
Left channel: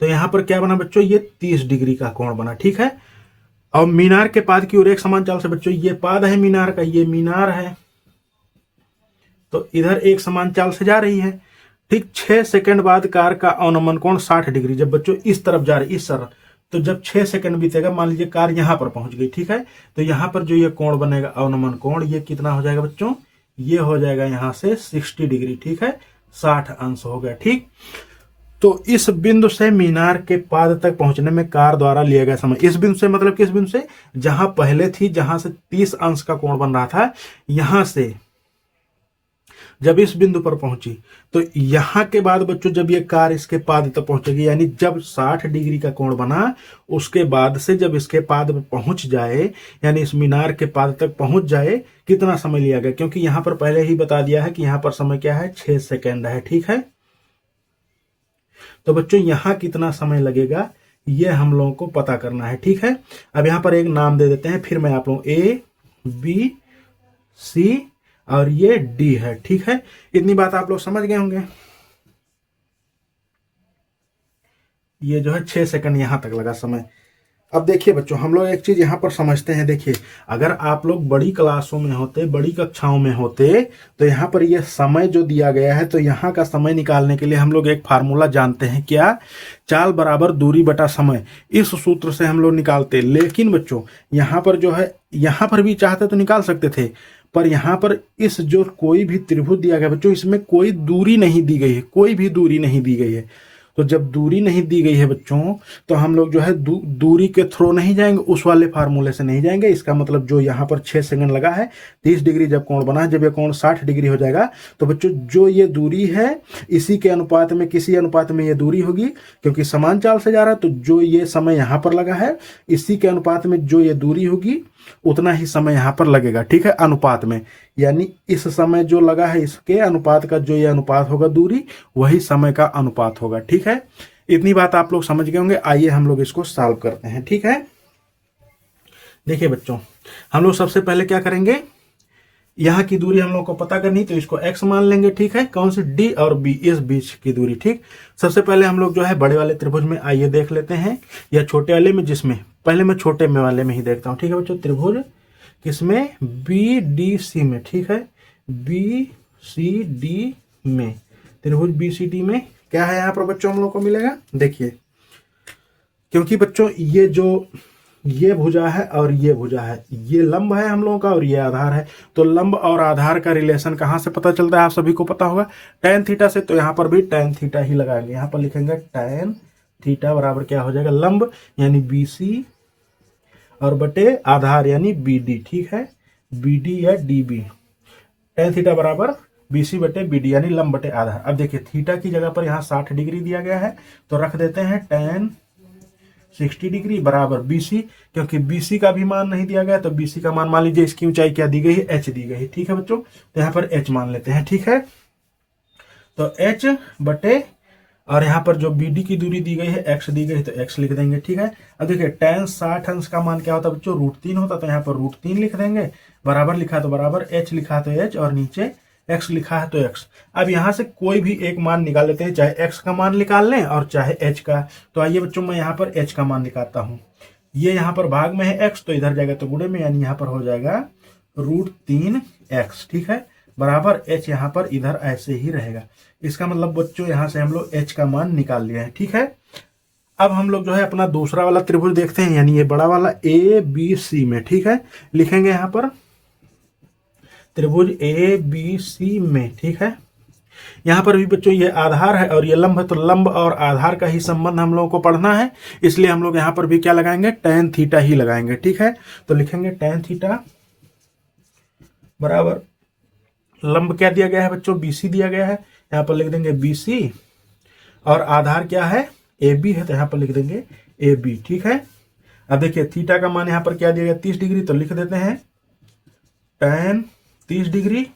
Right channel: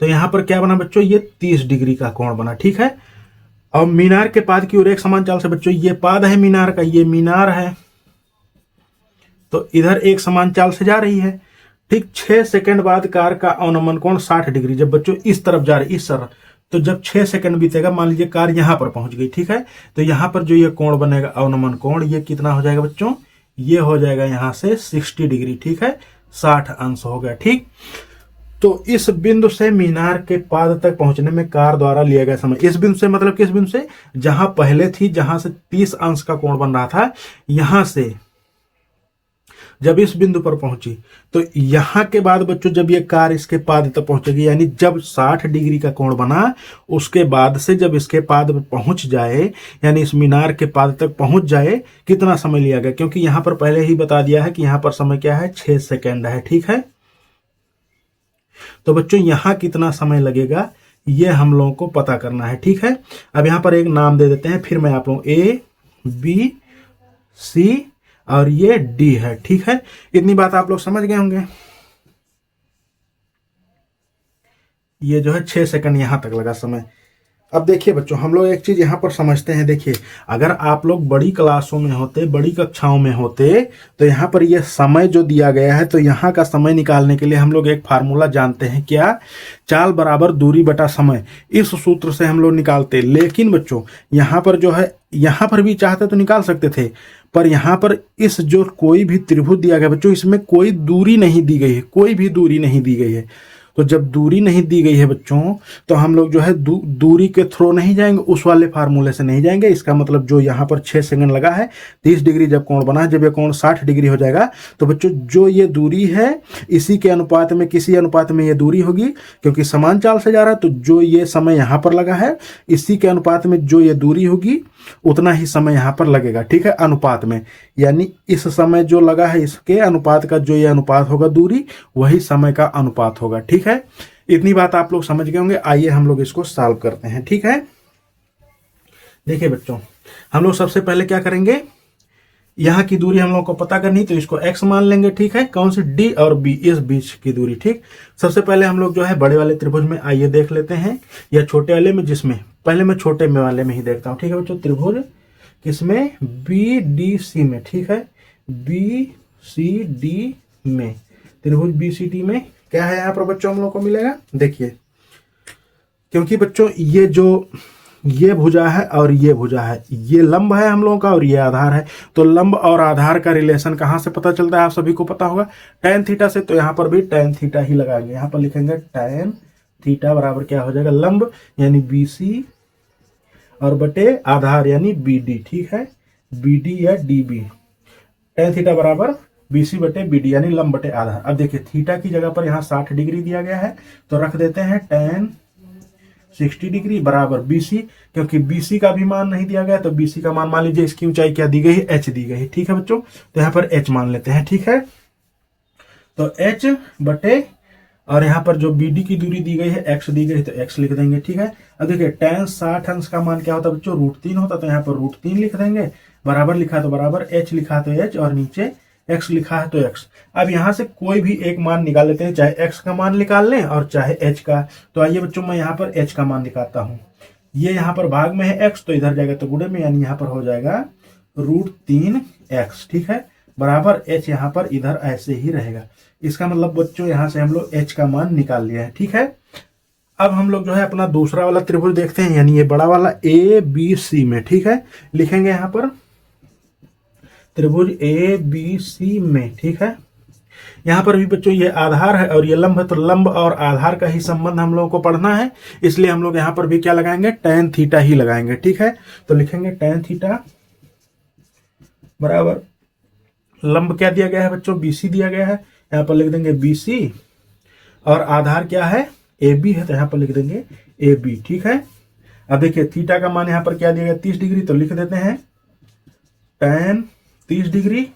तो यहाँ पर क्या बना बच्चों, ये 30 डिग्री का कोण बना। ठीक है, और मीनार के पाद की ओर एक समान चाल से बच्चों ये पाद है मीनार का, ये मीनार है तो इधर एक समान चाल से जा रही है। ठीक, 6 सेकंड बाद कार का अवनमन कोण 60 डिग्री, जब बच्चों इस तरफ जा रही, इस तरफ तो जब 6 सेकंड बीतेगा, मान लीजिए कार यहाँ पर पहुंच गई, ठीक है, तो यहाँ पर जो ये कोण बनेगा अवनमन कोण, ये कितना हो जाएगा बच्चों, ये हो जाएगा यहाँ से 60 डिग्री, ठीक है, 60 अंश हो गया। ठीक, तो इस बिंदु से मीनार के पाद तक पहुंचने में कार द्वारा लिया गया समय, इस बिंदु से मतलब किस बिंदु से, जहां पहले थी, जहां से 30 अंश का कोण बन रहा था, यहां से जब इस बिंदु पर पहुंची, तो यहां के बाद बच्चों जब ये कार इसके पाद तक पहुंचेगी, यानी जब 60 डिग्री का कोण बना, उसके बाद से जब इसके पाद पर पहुंच जाए, यानी इस मीनार के पाद तक पहुंच जाए, कितना समय लिया गया, क्योंकि यहां पर पहले ही बता दिया है कि यहां पर समय क्या है, 6 सेकेंड है। ठीक है, तो बच्चों यहां कितना समय लगेगा ये हम लोगों को पता करना है। ठीक है, अब यहां पर एक नाम दे देते हैं, फिर मैं आप लोग ए बी सी और ये डी है। ठीक है, इतनी बात आप लोग समझ गए होंगे। ये जो है 6 सेकंड यहां तक लगा समय। अब देखिए बच्चों, हम लोग एक चीज यहां पर समझते हैं। देखिए, अगर आप लोग बड़ी क्लासों में होते, बड़ी कक्षाओं में होते, तो यहाँ पर ये समय जो दिया गया है, तो यहाँ का समय निकालने के लिए हम लोग एक फार्मूला जानते हैं, क्या, चाल बराबर दूरी बटा समय, इस सूत्र से हम लोग निकालते। लेकिन बच्चों यहाँ पर जो है, यहाँ पर भी चाहते तो निकाल सकते थे, पर यहाँ पर इस जो कोई भी त्रिभुज दिया गया बच्चों, इसमें कोई दूरी नहीं दी गई है, कोई भी दूरी नहीं दी गई है। तो जब दूरी नहीं दी गई है बच्चों, तो हम लोग जो है दूरी के थ्रू नहीं जाएंगे, उस वाले फार्मूले से नहीं जाएंगे। इसका मतलब जो यहाँ पर 6 सेकंड लगा है, 30 डिग्री जब कोण बना, जब ये कोण 60 डिग्री हो जाएगा, तो बच्चों जो ये दूरी है, इसी के अनुपात में, किसी अनुपात में ये दूरी होगी, क्योंकि समान चाल से जा रहा है, तो जो ये समय यहाँ पर लगा है, इसी के अनुपात में जो ये दूरी होगी, उतना ही समय यहाँ पर लगेगा। ठीक है, अनुपात में, यानी इस समय जो लगा है, इसके अनुपात का जो ये अनुपात होगा दूरी, वही समय का अनुपात होगा। ठीक है, इतनी बात आप लोग समझ गए होंगे। आइए हम लोग इसको सॉल्व करते हैं। ठीक है, देखिए बच्चों, हम लोग सबसे पहले क्या करेंगे, यहाँ की दूरी हम लोग को पता करनी, तो इसको x मान लेंगे। ठीक है, कौन से, d और b, इस बीच की दूरी। ठीक, सबसे पहले हम लोग जो है बड़े वाले त्रिभुज में आइए देख लेते हैं, या छोटे वाले में, जिसमें पहले मैं छोटे में वाले में ही देखता हूँ। ठीक है बच्चों, त्रिभुज किसमें, बी डी सी में। ठीक है, बी सी डी में, त्रिभुज बी सी डी में क्या है यहाँ पर बच्चों हम लोग को मिलेगा। देखिए, क्योंकि बच्चों ये जो ये भुजा है और ये भुजा है, ये लंब है हम लोगों का और ये आधार है, तो लंब और आधार का रिलेशन कहाँ से पता चलता है, आप सभी को पता होगा, टैन थीटा से। तो यहाँ पर भी टैन थीटा ही लगाएंगे, यहाँ पर लिखेंगे टैन थीटा बराबर क्या हो जाएगा, लंब यानी बीसी और बटे आधार यानी बीडी। ठीक है, बीडी या डीबी, टैन थीटा बराबर बीसी बटे बीडी यानी लंब बटे आधार। अब देखिए, थीटा की जगह पर यहाँ 60 डिग्री दिया गया है, तो रख देते हैं टैन 60 डिग्री बराबर बीसी, क्योंकि बीसी का भी मान नहीं दिया गया, तो बीसी का मान, मान लीजिए इसकी ऊंचाई क्या दी गई है, एच दी गई। ठीक है बच्चों, तो यहाँ पर एच मान लेते हैं। ठीक है, तो एच बटे, और यहाँ पर जो बीडी की दूरी दी गई है, एक्स दी गई है, तो एक्स लिख देंगे। ठीक है, अब देखिए टैन 60 अंश का मान क्या होता है बच्चों, √3 होता, तो यहाँ पर √3 लिख देंगे। बराबर लिखा तो बराबर, एच लिखा तो एच, और नीचे एक्स लिखा है तो एक्स। अब यहाँ से कोई भी एक मान निकाल लेते हैं, चाहे एक्स का मान निकाल लें और चाहे एच का। तो आइए बच्चों, मैं यहाँ पर एच का मान निकालता हूँ। ये यहाँ पर भाग में है एक्स, तो इधर जाएगा तो गुणे में, यानी यहाँ पर हो जाएगा √3x। ठीक है, बराबर एच यहाँ पर इधर ऐसे ही रहेगा। इसका मतलब बच्चों यहाँ से हम लोग एच का मान निकाल लिया है। ठीक है, अब हम लोग जो है अपना दूसरा वाला त्रिभुज देखते हैं, यानी ये बड़ा वाला ए बी सी में। ठीक है, लिखेंगे यहाँ पर त्रिभुज ए बी सी में। ठीक है, यहाँ पर भी बच्चों ये आधार है और ये लंब है, तो लंब और आधार का ही संबंध हम लोगों को पढ़ना है, इसलिए हम लोग यहाँ पर भी क्या लगाएंगे, टैन थीटा ही लगाएंगे। ठीक है, तो लिखेंगे टैन थीटा बराबर, लंब क्या दिया गया है बच्चों, बीसी दिया गया है, यहाँ पर लिख देंगे बीसी, और आधार क्या है, ए बी है, तो यहाँ पर लिख देंगे ए बी। ठीक है, अब देखिए थीटा का मान यहाँ पर क्या दिया गया, 30 डिग्री, तो लिख देते हैं टैन 30 डिग्री,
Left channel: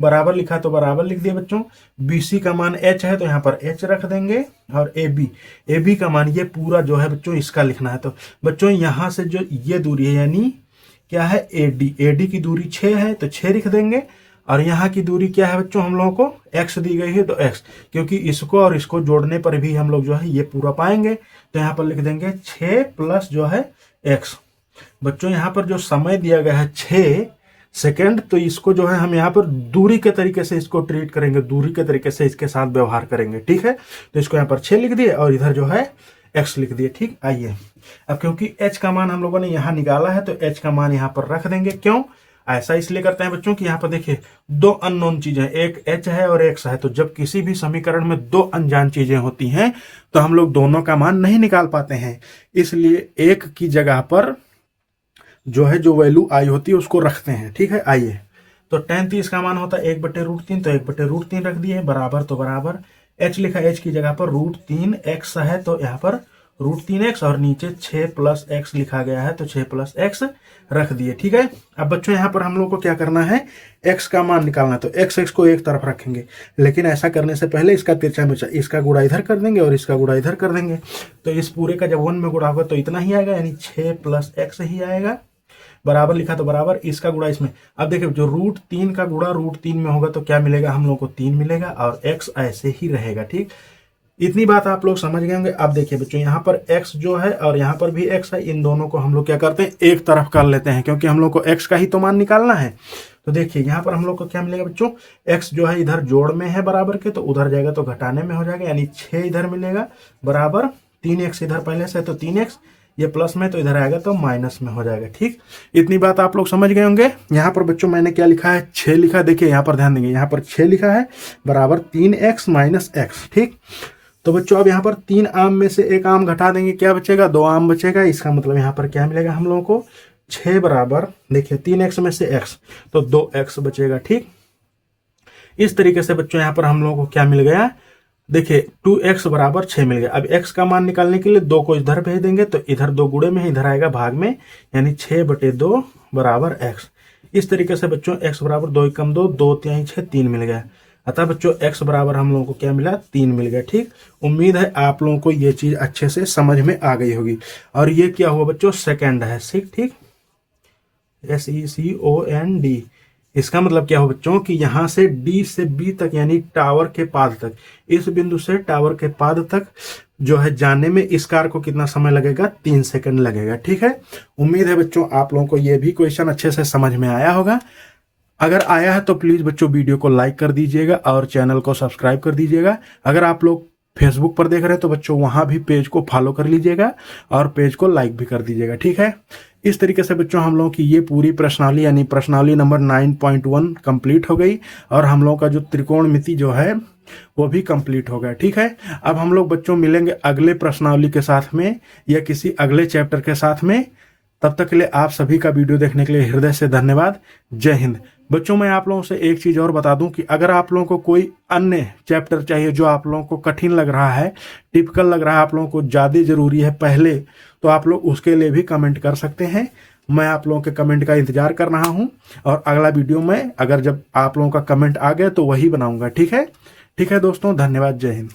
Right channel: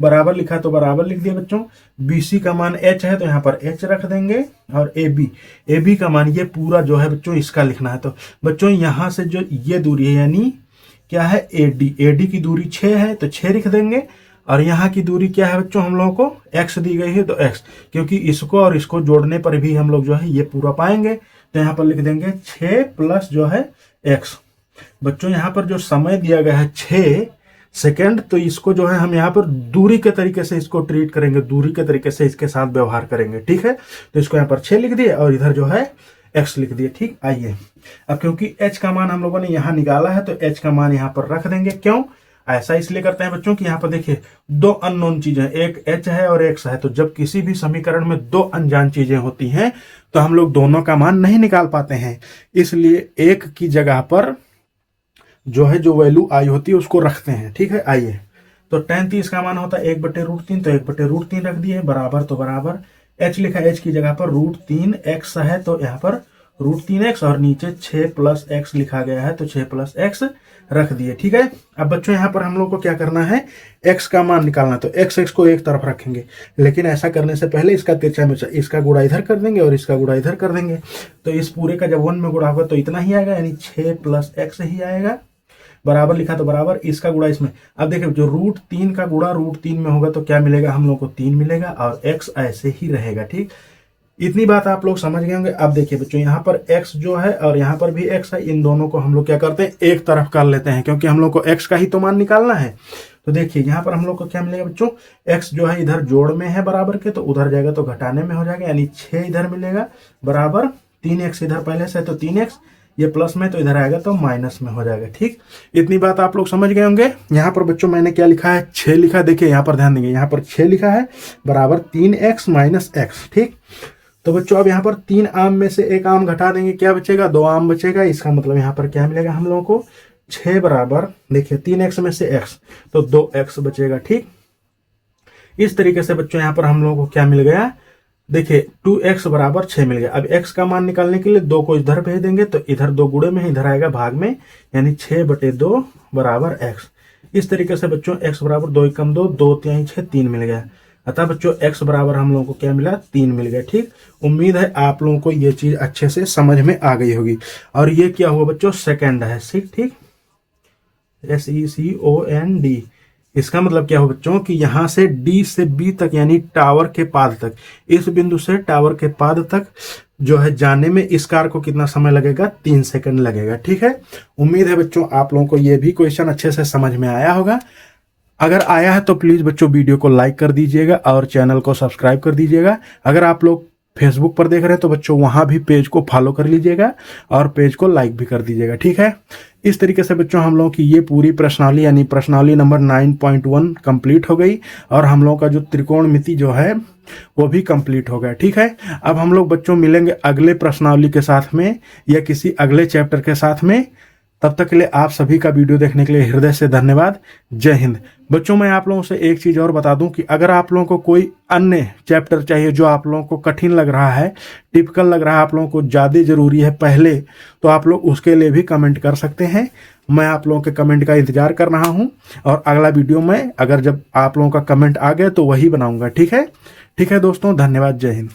बराबर लिखा तो बराबर लिख दिया बच्चों। बीसी का मान एच है, तो यहाँ पर एच रख देंगे, और ए बी का मान ये पूरा जो है बच्चों इसका लिखना है। तो बच्चों यहाँ से जो ये दूरी है, यानी क्या है, एडी की दूरी 6 है, तो 6 लिख देंगे, और यहाँ की दूरी क्या है बच्चों, हम लोगों को एक्स दी गई है, तो एक्स, क्योंकि इसको और इसको जोड़ने पर भी हम लोग जो है ये पूरा पाएंगे, तो यहाँ पर लिख देंगे 6 प्लस जो है एक्स। बच्चों यहाँ पर जो समय दिया गया है 6 सेकेंड, तो इसको जो है हम यहाँ पर दूरी के तरीके से इसको ट्रीट करेंगे, दूरी के तरीके से इसके साथ व्यवहार करेंगे। ठीक है, तो इसको यहाँ पर 6 लिख दिए, और इधर जो है x लिख दिए। ठीक, आइए अब क्योंकि h का मान हम लोगों ने यहाँ निकाला है तो h का मान यहाँ पर रख देंगे। क्यों ऐसा इसलिए करते हैं बच्चों कि यहाँ पर देखिए दो अननोन चीजें, एक h है और x है, तो जब किसी भी समीकरण में दो अनजान चीजें होती हैं तो हम लोग दोनों का मान नहीं निकाल पाते हैं, इसलिए एक की जगह पर जो है जो वैल्यू आई होती है उसको रखते हैं। ठीक है, आइए तो tan 30 का मान होता है 1/√3, तो 1/√3 रख दिए, बराबर तो बराबर h लिखा, h की जगह पर √3x है तो यहाँ पर √3x और नीचे 6 + x लिखा गया है तो 6 + x रख दिए। ठीक है, अब बच्चों यहाँ पर हम लोग को क्या करना है, x का मान निकालना, तो x को एक तरफ रखेंगे, लेकिन ऐसा करने से पहले इसका तिरछा मिर्चा, इसका गुणा इधर कर देंगे और इसका गुणा इधर कर देंगे, तो इस पूरे का जब 1 में गुणा होगा तो इतना ही आएगा, यानी 6 + x ही आएगा, बराबर लिखा तो बराबर इसका गुणा इसमें। अब देखिए जो √3 का गुणा √3 में होगा तो क्या मिलेगा, हम लोग को 3 मिलेगा और x ऐसे ही रहेगा। ठीक, इतनी बात आप लोग समझ गए होंगे। अब देखिए बच्चों यहाँ पर x जो है और यहाँ पर भी x है, इन दोनों को हम लोग क्या करते हैं, एक तरफ कर लेते हैं, क्योंकि हम लोग को x का ही तो मान निकालना है। तो देखिए यहाँ पर हम लोग को क्या मिलेगा बच्चों, x जो है इधर जोड़ में है बराबर के, तो उधर जाएगा तो घटाने में हो जाएगा, यानी 6 इधर मिलेगा, बराबर 3x इधर पहले से है तो 3x, ये प्लस में तो इधर आएगा तो माइनस में हो जाएगा। ठीक, इतनी बात आप लोग समझ गए होंगे। यहाँ पर बच्चों मैंने क्या लिखा है, 6 लिखा है, देखिए यहाँ पर ध्यान देंगे, यहाँ पर 6 लिखा है बराबर 3x - x। ठीक, तो बच्चों अब यहाँ पर 3 आम में से एक आम घटा देंगे, क्या बचेगा, 2 आम बचेगा, इसका मतलब यहाँ पर क्या मिलेगा हम लोगों को, 6 बराबर देखिए 3x में से x तो 2x बचेगा। ठीक, इस तरीके से बच्चों यहाँ पर हम लोगों को क्या मिल गया, देखिए 2x बराबर 6 मिल गया। अब x का मान निकालने के लिए 2 को इधर भेज देंगे तो इधर 2 गुणे में इधर आएगा भाग में, यानी 6/2 बराबर x। इस तरीके से बच्चों x बराबर 2 × 2 2 × 6 3 मिल गया, अतः बच्चों x बराबर हम लोगों को क्या मिला, 3 मिल गया। ठीक, उम्मीद है आप लोगों को ये चीज अच्छे से समझ में आ गई होगी। और ये क्या हुआ बच्चों, सेकंड है। ठीक, SECOND, इसका मतलब क्या हो बच्चों कि यहां से D से B तक यानी टावर के पाद तक, इस बिंदु से टावर के पाद तक जो है जाने में इस कार को कितना समय लगेगा, 3 सेकंड लगेगा। ठीक है, उम्मीद है बच्चों आप लोगों को ये भी क्वेश्चन अच्छे से समझ में आया होगा। अगर आया है तो प्लीज बच्चों वीडियो को लाइक कर दीजिएगा और चैनल को सब्सक्राइब कर दीजिएगा। अगर आप लोग फेसबुक पर देख रहे हैं तो बच्चों वहां भी पेज को फॉलो कर लीजिएगा और पेज को लाइक भी कर दीजिएगा। ठीक है, इस तरीके से बच्चों हम लोगों की ये पूरी प्रश्नावली यानी प्रश्नावली नंबर 9.1 कंप्लीट हो गई और हम लोगों का जो त्रिकोणमिति जो है वो भी कंप्लीट हो गया। ठीक है, अब हम लोग बच्चों मिलेंगे अगले प्रश्नावली के साथ में या किसी अगले चैप्टर के साथ में। तब तक के लिए आप सभी का वीडियो देखने के लिए हृदय से धन्यवाद। जय हिंद। बच्चों मैं आप लोगों से एक चीज और बता दूं कि अगर आप लोगों को कोई अन्य चैप्टर चाहिए जो आप लोगों को कठिन लग रहा है, टिपिकल लग रहा है, आप लोगों को ज्यादा जरूरी है पहले, तो आप लोग उसके लिए भी कमेंट कर सकते हैं। मैं आप लोगों के कमेंट का इंतजार कर रहा हूं और अगला वीडियो में अगर जब आप लोगों का कमेंट आ गया तो वही बनाऊंगा। ठीक है दोस्तों, धन्यवाद। जय हिंद।